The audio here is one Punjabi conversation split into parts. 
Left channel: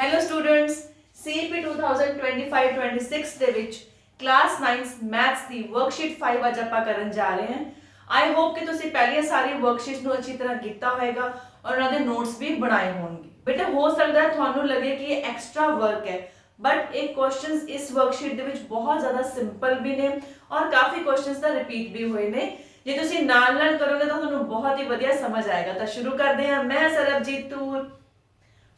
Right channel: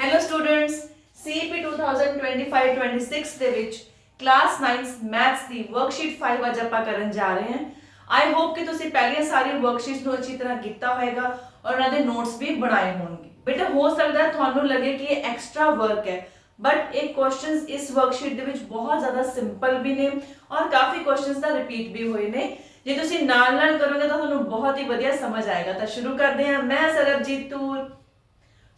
ਹੈਲੋ ਸਟੂਡੈਂਟਸ, CEP 2025-26 ਦੇ ਵਿੱਚ ਕਲਾਸ 9 ਮੈਥਸ ਦੀ ਵਰਕਸ਼ੀਟ 5 ਅੱਜ ਆਪਾਂ ਕਰਨ ਜਾ ਰਹੇ ਹਾਂ। ਆਈ ਹੋਪ ਕਿ ਤੁਸੀਂ ਪਹਿਲੀਆਂ ਸਾਰੀ ਵਰਕਸ਼ੀਟਸ ਨੂੰ ਅੱਛੀ ਤਰ੍ਹਾਂ ਕੀਤਾ ਹੋਵੇਗਾ ਔਰ ਉਹਨਾਂ ਦੇ ਨੋਟਸ ਵੀ ਬਣਾਏ ਹੋਣਗੇ। ਬੇਟਾ ਹੋ ਸਕਦਾ ਹੈ ਤੁਹਾਨੂੰ ਲੱਗੇ ਕਿ ਇਹ ਐਕਸਟਰਾ ਵਰਕ ਹੈ, ਬਟ ਇਹ ਕੁਐਸਚਨਸ ਇਸ ਵਰਕਸ਼ੀਟ ਦੇ ਵਿੱਚ ਬਹੁਤ ਜ਼ਿਆਦਾ ਸਿੰਪਲ ਵੀ ਨੇ ਔਰ ਕਾਫੀ ਕੁਐਸਚਨਸ ਦਾ ਰਿਪੀਟ ਵੀ ਹੋਏ ਨੇ। ਜੇ ਤੁਸੀਂ ਨਾਲ ਕਰੋਗੇ ਤਾਂ ਤੁਹਾਨੂੰ ਬਹੁਤ ਹੀ ਵਧੀਆ ਸਮਝ ਆਏਗਾ। ਤਾਂ ਸ਼ੁਰੂ ਕਰਦੇ ਹਾਂ। ਮੈਂ ਸਰਬਜੀਤ ਤੂਰ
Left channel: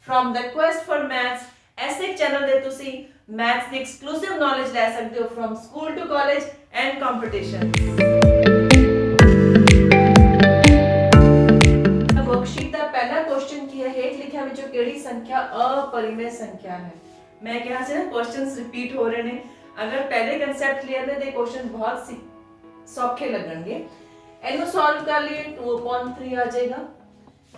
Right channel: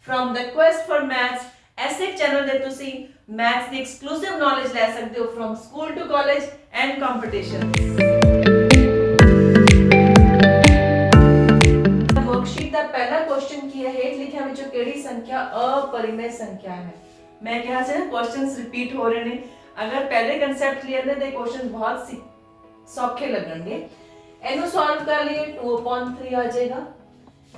from the quest for maths ਐਸੇ ਚੈਨਲ ਦੇ ਤੁਸੀਂ ਮੈਥਸ ਦੀ ਐਕਸਕਲੂਸਿਵ ਨੌਲੇਜ ਲੈ ਸਕਦੇ ਹੋ from school to college and competition। Worksheet ਦਾ ਪਹਿਲਾ ਕੁਐਸਚਨ ਕੀ ਹੈ? ਹੇਠ ਲਿਖਿਆਂ ਵਿੱਚੋਂ ਕਿਹੜੀ ਸੰਖਿਆ ਅਪਰਿਮੇय ਸੰਖਿਆ ਹੈ? ਮੈਂ ਕਿਹਾ ਸੀ ਨਾ ਕੁਐਸਚਨਸ ਰਿਪੀਟ ਹੋ ਰਹੇ ਨੇ। ਅਗਰ ਪਹਿਲੇ ਕਨਸੈਪਟ ਕਲੀਅਰ ਨੇ ਤੇ ਕੁਐਸਚਨ ਬਹੁਤ ਸੌਖੇ ਲੱਗਣਗੇ। ਇਹਨੂੰ ਸੋਲਵ ਕਰ ਲਈਏ 2/3 ਆ ਜਾਏਗਾ।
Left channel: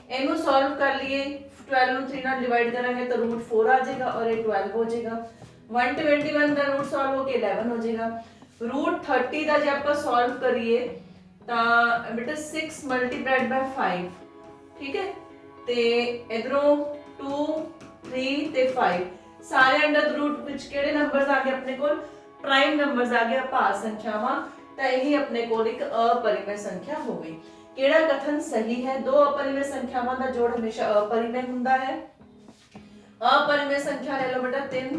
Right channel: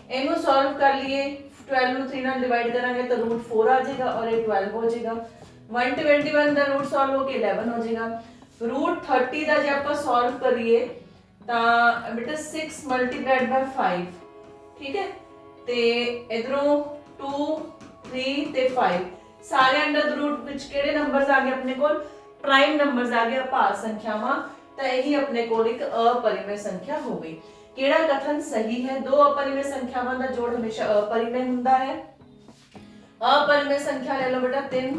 ਇਹਨੂੰ ਸੋਲਵ ਕਰ ਲਈਏ 12 ਨੂੰ 3 ਨਾਲ ਡਿਵਾਈਡ ਕਰਾਂਗੇ ਤਾਂ √4 ਆ ਜਾਏਗਾ और ये 12 ਹੋ ਜਾਏਗਾ। 121 ਦਾ रूट सॉल्व हो के 11 ਹੋ ਜਾਏਗਾ। √30 ਦਾ ਜੇ ਆਪਾਂ ਸੋਲਵ ਕਰੀਏ ਤਾਂ ਬੇਟਾ 6 ਮਲਟੀਪਲਾਈਡ ਬਾਈ 5, ਠੀਕ ਹੈ। ਤੇ ਇਧਰੋਂ 2 3 ਤੇ 5 ਸਾਰੇ ਅੰਡਰ ਰੂਟ ਵਿੱਚ ਕਿਹੜੇ ਨੰਬਰਸ ਆ ਗਏ ਆਪਣੇ ਕੋਲ? ਪ੍ਰਾਈਮ ਨੰਬਰਸ ਆ ਗਏ, ਅਭਾਜ ਸੰਖਿਆਵਾਂ। ਤਾਂ ਇਹੀ ਆਪਣੇ ਕੋਲ ਇੱਕ ਅਪਰਿਮੇय ਸੰਖਿਆ ਹੋ ਗਈ। ਕਿਹੜਾ ਕਥਨ ਸਹੀ ਹੈ? ਦੋ ਅਪਰਿਮੇय ਸੰਖਿਆਵਾਂ ਦਾ ਜੋੜ ਹਮੇਸ਼ਾ ਅਪਰਿਮੇय ਹੁੰਦਾ ਹੈ। ਅਪਰਿਮੇय ਸੰਖਿਆ ਲੈ ਲਓ ਬੇਟਾ 3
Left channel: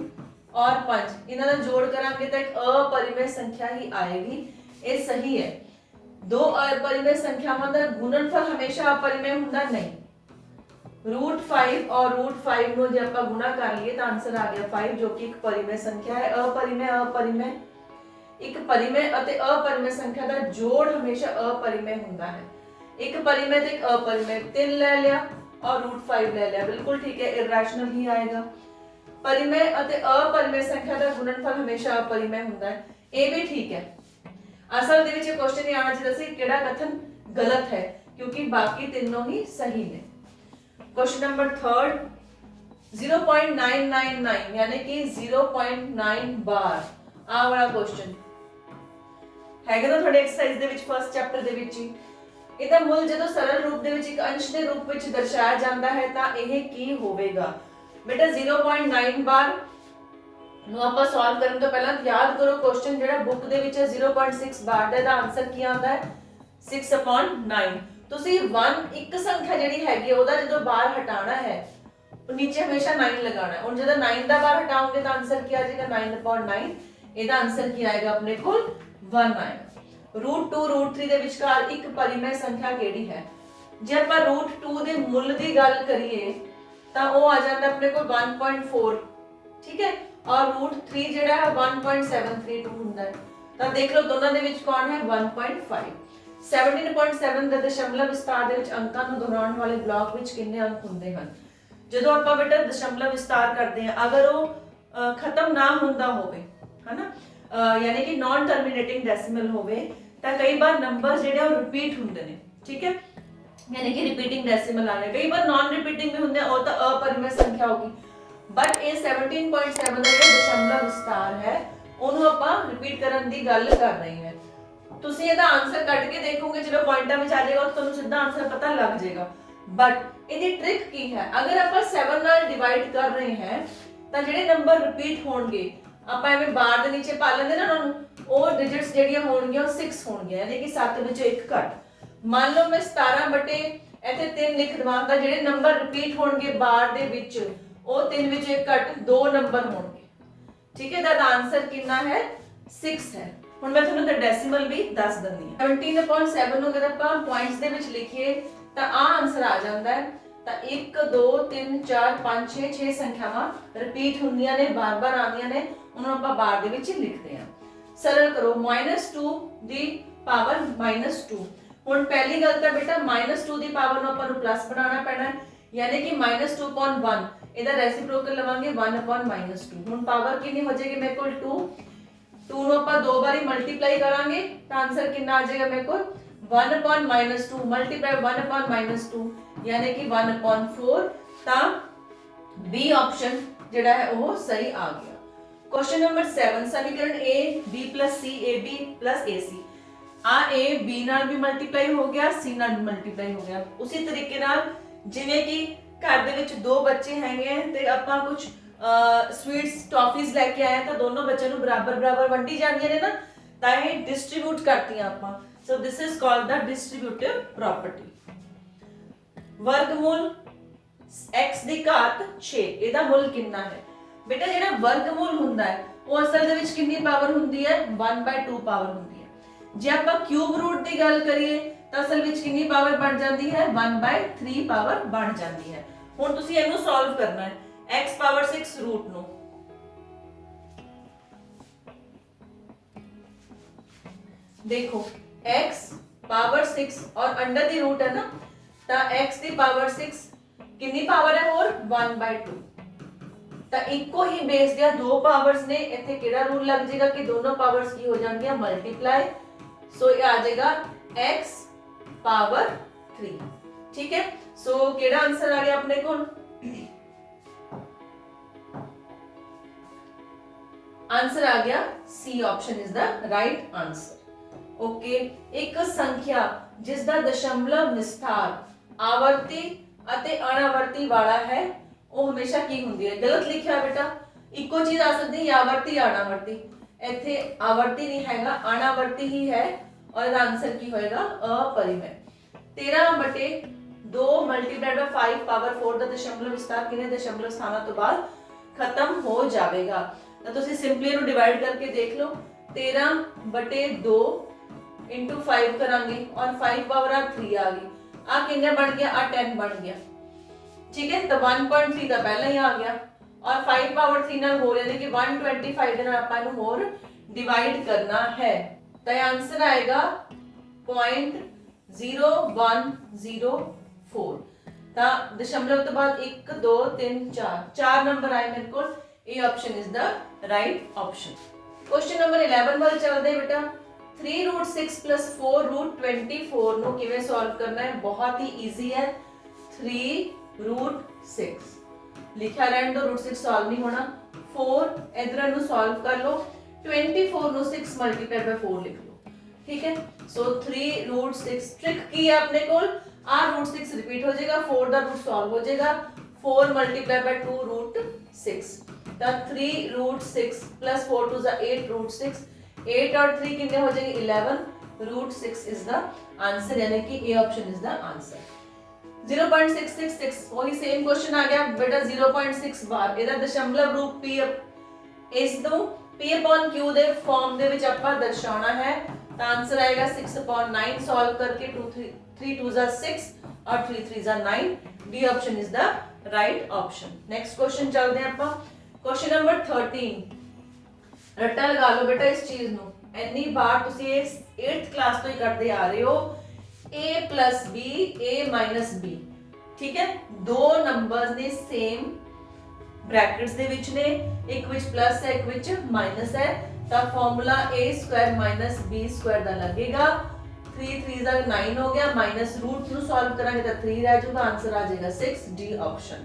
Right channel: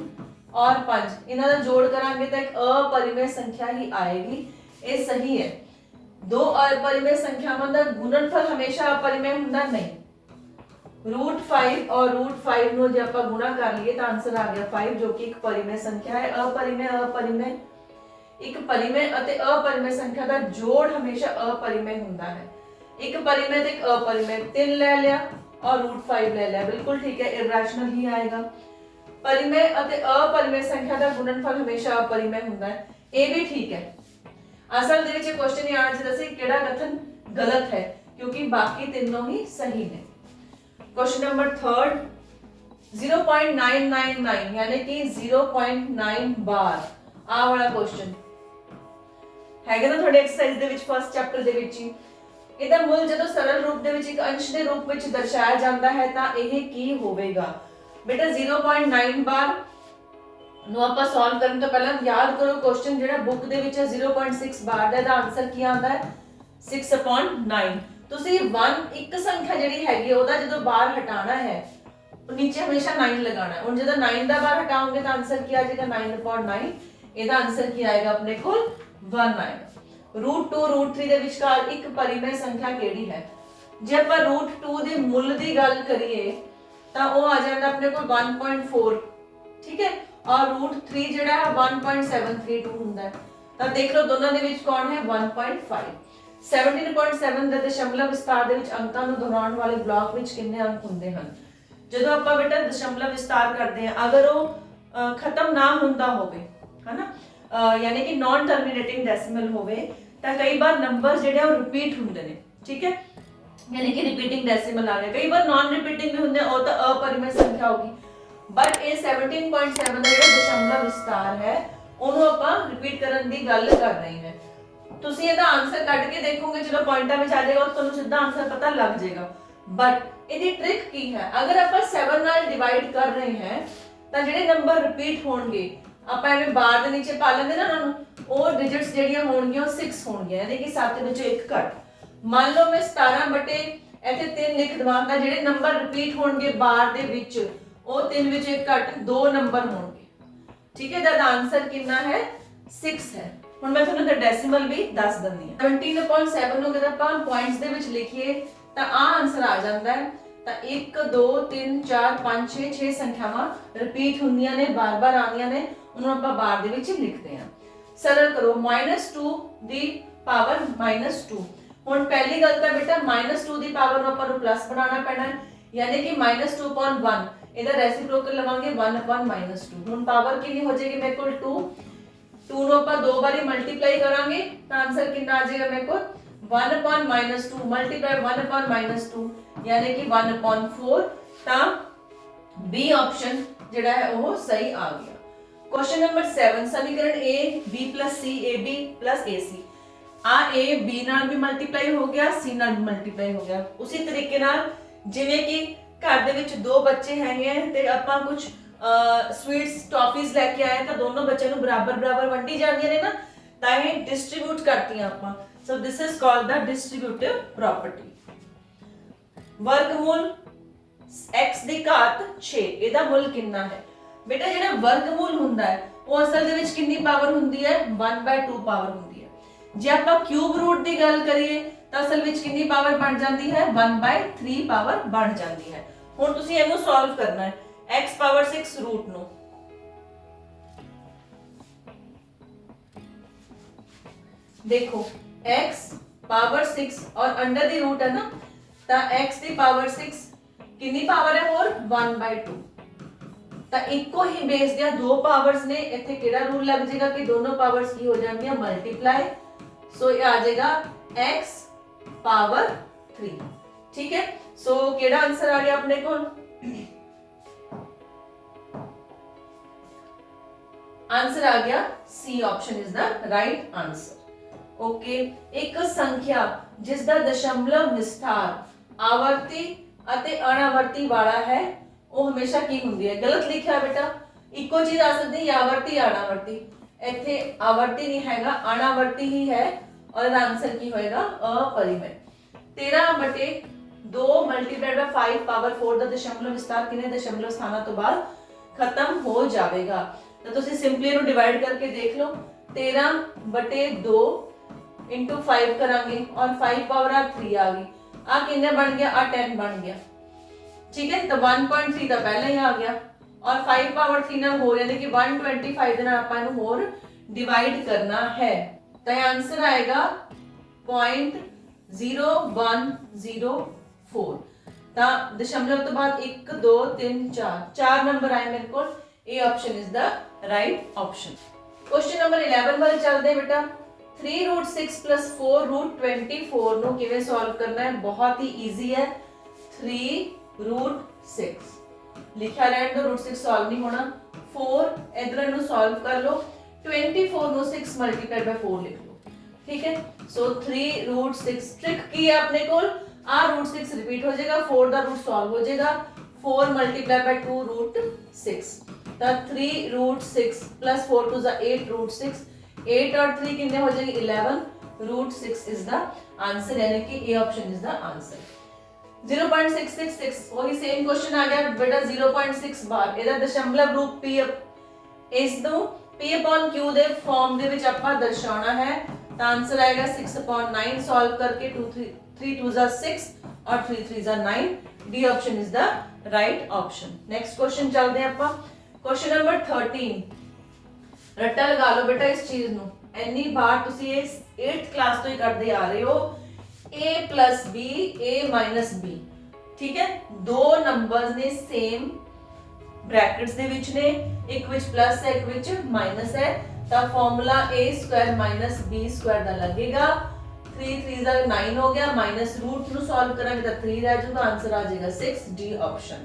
और 5, ਇਹਨਾਂ ਦਾ ਜੋੜ ਕਰਾਂਗੇ ਤਾਂ ਇੱਕ ਅਪਰਿਮੇय ਸੰਖਿਆ ਹੀ ਆਏਗੀ। ਇਹ ਸਹੀ ਹੈ। ਦੋ ਅਪਰਿਮੇय ਸੰਖਿਆਵਾਂ ਦਾ ਗੁਣਨਫਲ ਹਮੇਸ਼ਾ ਅਪਰਿਮੇय ਹੁੰਦਾ ਨਹੀਂ। √5 और √5 ਨੂੰ ਜੇ ਆਪਾਂ ਗੁਣਾ ਕਰ ਲਈਏ ਤਾਂ ਆਨਸਰ ਆ ਗਿਆ 5, ਜੋ ਕਿ ਇੱਕ ਪਰਿਮੇय ਸੰਖਿਆ ਹੈ। ਅਪਰਿਮੇय ਇੱਕ ਪਰਿਮੇय ਅਤੇ ਅਪਰਿਮੇय ਸੰਖਿਆ ਦਾ ਜੋੜ ਹਮੇਸ਼ਾ ਅਪਰਿਮੇय ਹੁੰਦਾ ਹੈ। ਇੱਕ ਪਰਿਮੇय ਤੇ ਇੱਕ ਅਪਰਿਮੇय, 3 ਲੈ ਲਿਆ और √5 ਲੈ ਲਿਆ, ਬਿਲਕੁਲ ਠੀਕ ਹੈ, ਇਰੈਸ਼ਨਲ ਹੀ ਆਏਗਾ। ਪਰਿਮੇय ਅਤੇ ਅਪਰਿਮੇय ਸੰਖਿਆ ਦਾ ਗੁਣਨਫਲ ਹਮੇਸ਼ਾ ਅਪਰਿਮੇय ਹੁੰਦਾ ਹੈ, ਇਹ ਵੀ ਠੀਕ ਹੈ। ਅਸਲ ਦੇ ਵਿੱਚ ਇਹ ਕੁਐਸਚਨ ਇਹ ਆਣਾ ਚਾਹੀਦਾ ਸੀ ਕਿਹੜਾ ਕਥਨ ਗਲਤ ਹੈ, ਕਿਉਂਕਿ ਬਾਕੀ ਤਿੰਨੋਂ ਹੀ ਸਹੀ ਨੇ। क्वेश्चन नंबर 3 0.999 यानी कि 0.9 ਬਾਰ ਆ ਵਾਲਾ ਕੁਐਸਚਨ ਹੈਗਾ ਨਾ ਤੁਹਾਡੇ ਐਕਸਰਸਾਈਜ਼ ਦੇ ਵਿੱਚ ਫਸਟ ਚੈਪਟਰ ਦੇ ਵਿੱਚ ਹੀ। ਇਹਦਾ ਮੁੱਲ ਜਦੋਂ ਸਰਲ ਰੂਪ ਦੇ ਵਿੱਚ ਇੱਕ ਅੰਸ਼ ਦੇ ਰੂਪ ਵਿੱਚ ਦਰਸਾਇਆ ਜਾਂਦਾ ਹੈ ਤਾਂ ਇਹ ਕੀ ਹੋਵੇਗਾ? ਬੇਟਾ 0.9 ਬਾਰ ਨੂੰ ਆਪਾਂ ਸੋਲਵ ਕਰਨ ਤੋਂ ਪਹਿਲਾਂ ਯਾਦ ਕਰੋ ਕੁਐਸਚਨ ਜਿਹੜਾ ਬੁੱਕ ਦੇ ਵਿੱਚ ਹੈ 0.6 ਬਾਰ ਦਾ, ਇਹਦਾ ਆਨਸਰ ਕੀ ਆਉਂਦਾ ਹੈ? 6/9। ਤੁਸੀਂ 1 ਇੱਕ ਸੰਖਿਆ ਜਿਹੜੀ ਹੈਗੀ ਉਹਦਾ ਜਦੋਂ ਬਾਰ ਹਟਾਣਾ ਹੈ ਨੀਚੇ ਹਮੇਸ਼ਾ 9 ਲਗਾਉਣਾ ਹੈ। ਹੁਣ ਜਦੋਂ 9 ਦਾ ਬਾਰ ਹਟਾਓਗੇ ਤਾਂ ਆਨਸਰ ਕੀ ਆ ਜਾਏਗਾ? 9/9। ਇਹਦਾ ਆਨਸਰ ਕੀ ਆਏਗਾ ਆਪਣੇ ਕੋਲ? 1 ਆਏਗਾ। √2 √3 ਦੇ ਵਿਚਕਾਰ ਇੱਕ ਪਰਿਮੇय ਸੰਖਿਆ ਕਿਹੜੀ ਹੈ? ਜੇ ਆਪਾਂ √2 ਦੇ ਮੁੱਲ ਦੀ ਗੱਲ ਕਰੀਏ ਤਾਂ ਉਹ ਆ ਜਾਂਦਾ ਆਪਣੇ ਕੋਲ 1.4, ਠੀਕ ਹੈ, ਔਰ √3 ਜਿਹੜਾ ਹੈ 1.732 ਹੁੰਦਾ ਹੈ। ਤਾਂ ਦੇਖ ਲਓ ਦੋਨਾਂ ਦੇ ਵਿੱਚ ਕੌਣ ਹੈ? 1.5। 17.7 ਦੇ ਦਸ਼ਮਲਵ ਵਿਸਤਾਰ ਦੇ ਵਿੱਚ ਅੰਕਾਂ ਨੂੰ ਦੁਹਰਾਉਣ ਵਾਲੇ ਬਲਾਕ ਵਿੱਚ ਕਿੰਨੇ ਅੰਕ ਹੁੰਦੇ ਹਨ? ਜਦੋਂ ਆਪਾਂ ਬੇਟਾ ਦਸ਼ਮਲਵ ਵਿਸਤਾਰ ਕਰਦੇ ਹਾਂ, ਅਗਰ ਉਹ ਖਤਮ ਨਾ ਹੁੰਦਾ ਹੋਵੇ, ਹਨਾ, ਯਾਨੀ ਕਿ ਨਾਨ ਟਰਮੀਨੇਟਿੰਗ ਡੈਸੀਮਲ ਹੋਵੇ ਤਾਂ ਕਈ ਵਾਰ ਨੰਬਰ ਜਿਹੜੇ ਉਹ ਰਿਪੀਟ ਹੁੰਦੇ ਨੇ, ਠੀਕ ਹੈ, ਯਾਨੀ ਕਿ ਰਿਪੀਟਿੰਗ ਡੈਸੀਮਲ ਆ ਗਿਆ। ਕਈ ਵਾਰ ਨਾਨ ਰਿਪੀਟਿੰਗ ਵੀ ਹੁੰਦੇ ਆ, ਉਹ ਤਾਂ ਅਪਰਿਮੇय ਸੰਖਿਆ ਹੋਗੀ। ਬਟ ਇਹ 17.7 ਦਾ ਜਿਹੜਾ ਦਸ਼ਮਲਵ ਵਿਸਤਾਰ ਹੈ ਉਹਨੂੰ ਆਪਾਂ ਰਿਪੀਟ ਕਰਨ ਦੀ ਗੱਲ ਕਰ ਰਹੇ ਹਾਂ। ਤੁਸੀਂ ਇਹਦਾ ਆਨਸਰ ਕੱਢ ਕੇ ਦੇਖੋਗੇ, ਜਦੋਂ ਪੁਆਇੰਟਾਂ ਵਿੱਚ ਆ ਜਾਏਗਾ ਤਾਂ ਤੁਹਾਨੂੰ ਸਿੱਧਾ ਆਨਸਰ ਪਤਾ ਲੱਗ ਜਾਏਗਾ। ਬਟ ਇਹਦੀ ਟ੍ਰਿਕ ਕੀ ਹੈ? ਅਗਰ ਆਪਾਂ 7 ਨਾਲ ਡਿਵਾਈਡ ਕਰ ਰਹੇ ਹਾਂ ਤਾਂ ਜਿਹੜੇ ਨੰਬਰ ਰਿਪੀਟ ਹੋਣਗੇ ਆਪਾਂ ਐਵੇਂ ਬਾਰ ਦੇ ਨੀਚੇ ਪਾ ਲੈਂਦੇ ਨਾ ਉਹਨਾਂ ਨੂੰ, ਉਹ ਡਿਜਿਟਸ ਜਿਹੜੀਆਂ ਹੋਣਗੀਆਂ ਉਹ 6 ਹੋਣਗੀਆਂ, ਯਾਨੀ ਕਿ 7 ਵਿੱਚੋਂ 1 ਘੱਟ। ਮੰਨ ਲਓ ਮੈਂ 17 ਬਟੇ ਇੱਥੇ 3 ਲਿਖ ਦਵਾਂ ਤਾਂ ਜਿਹੜੇ ਨੰਬਰ ਰਿਪੀਟ ਹੋਣਗੇ ਬਾਰ ਦੇ ਵਿੱਚ ਉਹ 3 ਵਿੱਚੋਂ 1 ਘੱਟ 2 ਨੰਬਰ ਹੋਣਗੇ, ਠੀਕ ਹੈ। ਦਾ ਆਨਸਰ ਕਿੰਨਾ ਹੈ? 6 ਹੈ। ਹੁਣ ਮੈਂ ਤੁਹਾਨੂੰ ਦਾ ਡੈਸੀਮਲ ਵੀ ਦੱਸ ਦਿੰਦੀ ਹਾਂ। 17.7 ਨੂੰ ਅਗਰ ਆਪਾਂ ਪੁਆਇੰਟਸ ਦੇ ਵਿੱਚ ਲਿਖੀਏ ਤਾਂ ਆ ਆਨਸਰ ਆ ਜਾਂਦਾ ਹੈ। ਤਾਂ 1 2 3 4 5 6 ਸੰਖਿਆਵਾਂ ਰਿਪੀਟ ਹੁੰਦੀਆਂ ਨੇ, ਬਾਰ-ਬਾਰ ਆਉਂਦੀਆਂ ਨੇ, ਉਹਨੂੰ ਆਪਾਂ ਬਾਰ ਦੇ ਵਿੱਚ ਲਿਖਦੇ ਹਾਂ। ਸਰਲ ਕਰੋ, -2 ਦੀ ਪਾਵਰ -2। ਹੁਣ ਪਹਿਲੀ ਗੱਲ ਤਾਂ ਬੇਟਾ -2 ਦੀ ਪਾਵਰ ਨੂੰ ਆਪਾਂ ਨੂੰ ਪਲੱਸ ਬਣਾਉਣਾ ਪੈਣਾ ਹੈ, ਯਾਨੀ ਕਿ -2/1 ਇਹਦਾ ਰੈਸਿਪਰੋਕਲ ਲਵਾਂਗੇ 1/-2। ਹੁਣ ਪਾਵਰ ਕਿੰਨੀ ਹੋ ਜਾਏਗੀ ਮੇਰੇ ਕੋਲ? 2 ਨੂੰ ਆਪਾਂ ਦੋ ਵਾਰੀ ਮਲਟੀਪਲਾਈ ਕਰਾਂਗੇ ਤਾਂ ਆਨਸਰ ਕਿੰਨਾ ਆ ਜਾਏਗਾ ਮੇਰੇ ਕੋਲ? 1/-2 ਮਲਟੀਪਲਾਈ 1/-2 ਯਾਨੀ ਕਿ 1/4। ਤਾਂ ਬੀ ਆਪਸ਼ਨ ਜਿਹੜਾ ਹੈ ਉਹ ਸਹੀ ਆ ਗਿਆ। क्वेश्चन नंबर 7 समीकरण a b + c ab + ac uh a b ਨਾਲ ਵੀ ਮਲਟੀਪਲਾਈ ਹੋ ਗਿਆ, c ਨਾਲ ਵੀ ਮਲਟੀਪਲਾਈ ਹੋ ਗਿਆ। ਉਸੇ ਤਰੀਕੇ ਨਾਲ ਜਿਵੇਂ ਕਿ घर ਦੇ ਵਿੱਚ ਦੋ ਬੱਚੇ ਹੈਗੇ ਆ ਤੇ ਆਪਾਂ ਕੁਝ ਸਵੀਟਸ ਟੌਫੀਜ਼ ਲੈ ਕੇ ਆਏ ਤਾਂ ਦੋਨੋਂ ਬੱਚਿਆਂ ਨੂੰ ਬਰਾਬਰ ਬਰਾਬਰ ਵੰਡੀ ਜਾਂਦੀਆਂ ਨੇ ਨਾ, ਤਾਂ ਇਹ ਡਿਸਟ੍ਰੀਬਿਊਟ ਕਰਤੀਆਂ ਆਪਾਂ। So this is called the distributive property. ਵਰਗਮੂਲ x ਦੀ ਘਾਤ 6 ਇਹਦਾ ਮੁੱਲ ਕਿੰਨਾ ਹੈ? ਬੇਟਾ ਜਿਹੜਾ ਵਰਗਮੂਲ ਹੁੰਦਾ ਹੈ ਉਹ ਅਸਲ ਦੇ ਵਿੱਚ ਕਿੰਨੀ ਪਾਵਰ ਹੁੰਦੀ ਹੈ? 1/2 ਪਾਵਰ ਹੁੰਦੀ ਹੈ। ਜੇ ਆਪਾਂ ਕਿਊਬ ਰੂਟ ਦੀ ਗੱਲ ਕਰੀਏ ਤਾਂ ਅਸਲ ਵਿੱਚ ਕਿੰਨੀ ਪਾਵਰ ਬਣ ਜਾਂਦੀ ਹੈ? 1/3 ਪਾਵਰ ਬਣ ਜਾਂਦੀ ਹੈ। ਹੁਣ ਤੁਸੀਂ ਇਹਨੂੰ ਸੋਲਵ ਕਰਨਾ ਹੈ x ਪਾਵਰ 6 ਰੂਟ ਨੂੰ। देखो x पावर 6 और अंडर दी रूट है ना, ਤਾਂ x ਦੀ ਪਾਵਰ 6 ਕਿੰਨੀ ਪਾਵਰ ਹੈ ਹੋਰ? 1/2। ਤਾਂ ਇੱਕੋ ਹੀ ਬੇਸ ਦੀਆਂ ਦੋ ਪਾਵਰਸ ਨੇ, ਇੱਥੇ ਕਿਹੜਾ ਰੂਲ ਲੱਗ ਜਾਏਗਾ ਕਿ ਦੋਨੋਂ ਪਾਵਰਸ ਕੀ ਹੋ ਜਾਣਗੀਆਂ? ਮਲਟੀਪਲਾਈ। ਸੋ ਇਹ ਆ ਜਾਏਗਾ x ਪਾਵਰ 3। ਠੀਕ ਹੈ, ਸੋ ਕਿਹੜਾ ਆਨਸਰ ਆ ਗਿਆ ਆਪਣੇ ਕੋਲ? आंसर आ गया C option is the right answer. Okay, एक संख्या जिस दा दशमलव विस्तार आवर्ती ਅਤੇ ਅਣਆਵਰਤੀ ਵਾਲਾ ਹੈ ਉਹ ਹਮੇਸ਼ਾ ਕੀ ਹੁੰਦੀ ਹੈ? ਗਲਤ ਲਿਖਿਆ ਬੇਟਾ, ਇੱਕੋ ਚੀਜ਼ ਆ ਸਕਦੀ ਹੈ ਆਵਰਤੀ ਅਣਆਵਰਤੀ, ਇੱਥੇ ਆਵਰਤੀ ਨਹੀਂ ਹੈਗਾ, ਅਣਆਵਰਤੀ ਹੀ ਹੈ ਔਰ ਇਹਦਾ ਆਨਸਰ ਕੀ ਹੋਏਗਾ? अपरिमेय। 13/2 ਮਲਟੀਪਲਾਈਡ ਬਾਈ 5 ਪਾਵਰ 4 ਦਾ ਦਸ਼ਮਲਵ ਵਿਸਤਾਰ ਕਿੰਨੇ ਦਸ਼ਮਲਵ ਸਥਾਨਾਂ ਤੋਂ ਬਾਅਦ ਖਤਮ ਹੋ ਜਾਵੇਗਾ? तो तुसी सिंपली इहनू डिवाइड करके देख लो। 13/2 इंटू 5 करांगे और 5 पावर आ 3 आ गई, आ कितने बन गया? आ 10 बन गया। ठीक है, तो 1.3 तो पहले ही आ गया और 5 पावर 3 नाल हो यानी कि 125 दे नाल आपां इहनू होर डिवाइड करना है, तो ये आंसर आएगा 0.0104। तो दशमलव तो बाद 1 2 3 4 नंबर आए मेरे को। A option is the right option. Question number 11 वाले चलते हैं बेटा। 3√6 + 4√24 ਨੂੰ ਕਿਵੇਂ ਸੋਲਵ ਕਰਨਾ ਹੈ? ਬਹੁਤ ਹੀ ਈਜ਼ੀ ਹੈ। 3√6 ਲਿਖਿਆ ਰਹਿਣ ਦੋ, √6 ਸੋਲਵ ਨਹੀਂ ਹੋਣਾ। 4 ਇਧਰ ਨੂੰ ਸੋਲਵ ਕਰ ਲਓ, 24 ਨੂੰ 6 × 4 ਲਿਖ ਲਓ। ਠੀਕ ਹੈ, ਸੋ 3√6 ट्रिक की है अपने को, आ √6 रिपीट हो जाएगा, 4 ਦਾ रूट सॉल्व हो जाएगा, 4 × 2√6 ਤਾਂ 3√6 + 4 2 8 √6, 8 और 3 कितने हो जाएंगे? 11 √6 इज द आंसर, यानी कि A option is the answer. 0.666 वही सेम क्वेश्चन आ गया बेटा। 0.6 बार ਇਹਦਾ ਦਸ਼ਮਲਵ ਰੂਪ p ਇਸ ਨੂੰ p/q ਦੇ ਫਾਰਮ ਦੇ ਵਿੱਚ ਆਪਾਂ ਦਰਸਾਉਣਾ ਹੈ, ਤਾਂ ਆंसर ਆਏਗਾ 6/9 सॉल्व करके 3 2 6 और 3 3 9। D option is the right option. Next question चलते हैं ਆਪਾਂ। क्वेश्चन नंबर 13 ਰੱਟਾ ਲਗਾ ਲਓ बेटा इस चीज ਨੂੰ। ਇੰਨੀ ਬਾਰ ਤੁਸੀਂ ਇਹ 8th क्लास ਤੋਂ ਹੀ ਕਰਦੇ ਆ ਰਹੇ ਹੋ। a + b a - b, ਠੀਕ ਹੈ, ਦੋ ਨੰਬਰਸ ਨੇ ਸੇਮ ਬ੍ਰੈਕਟਸ ਦੇ ਵਿੱਚ ਨੇ, ਇੱਕ ਵਿੱਚ ਪਲੱਸ ਹੈ ਇੱਕ ਵਿੱਚ ਮਾਈਨਸ ਹੈ, ਤਾਂ ਫਾਰਮੂਲਾ a² - b² ਦਾ ਲੱਗੇਗਾ। 3 3 ਦਾ 9 ਹੋ ਗਿਆ, ਮਾਈਨਸ रूट ਨੂੰ ਸੋਲਵ ਕਰਾਂਗੇ ਤਾਂ 3 ਰਹਿ ਜਾਊਗਾ, ਆਨਸਰ ਆ ਜਾਏਗਾ 6। D option.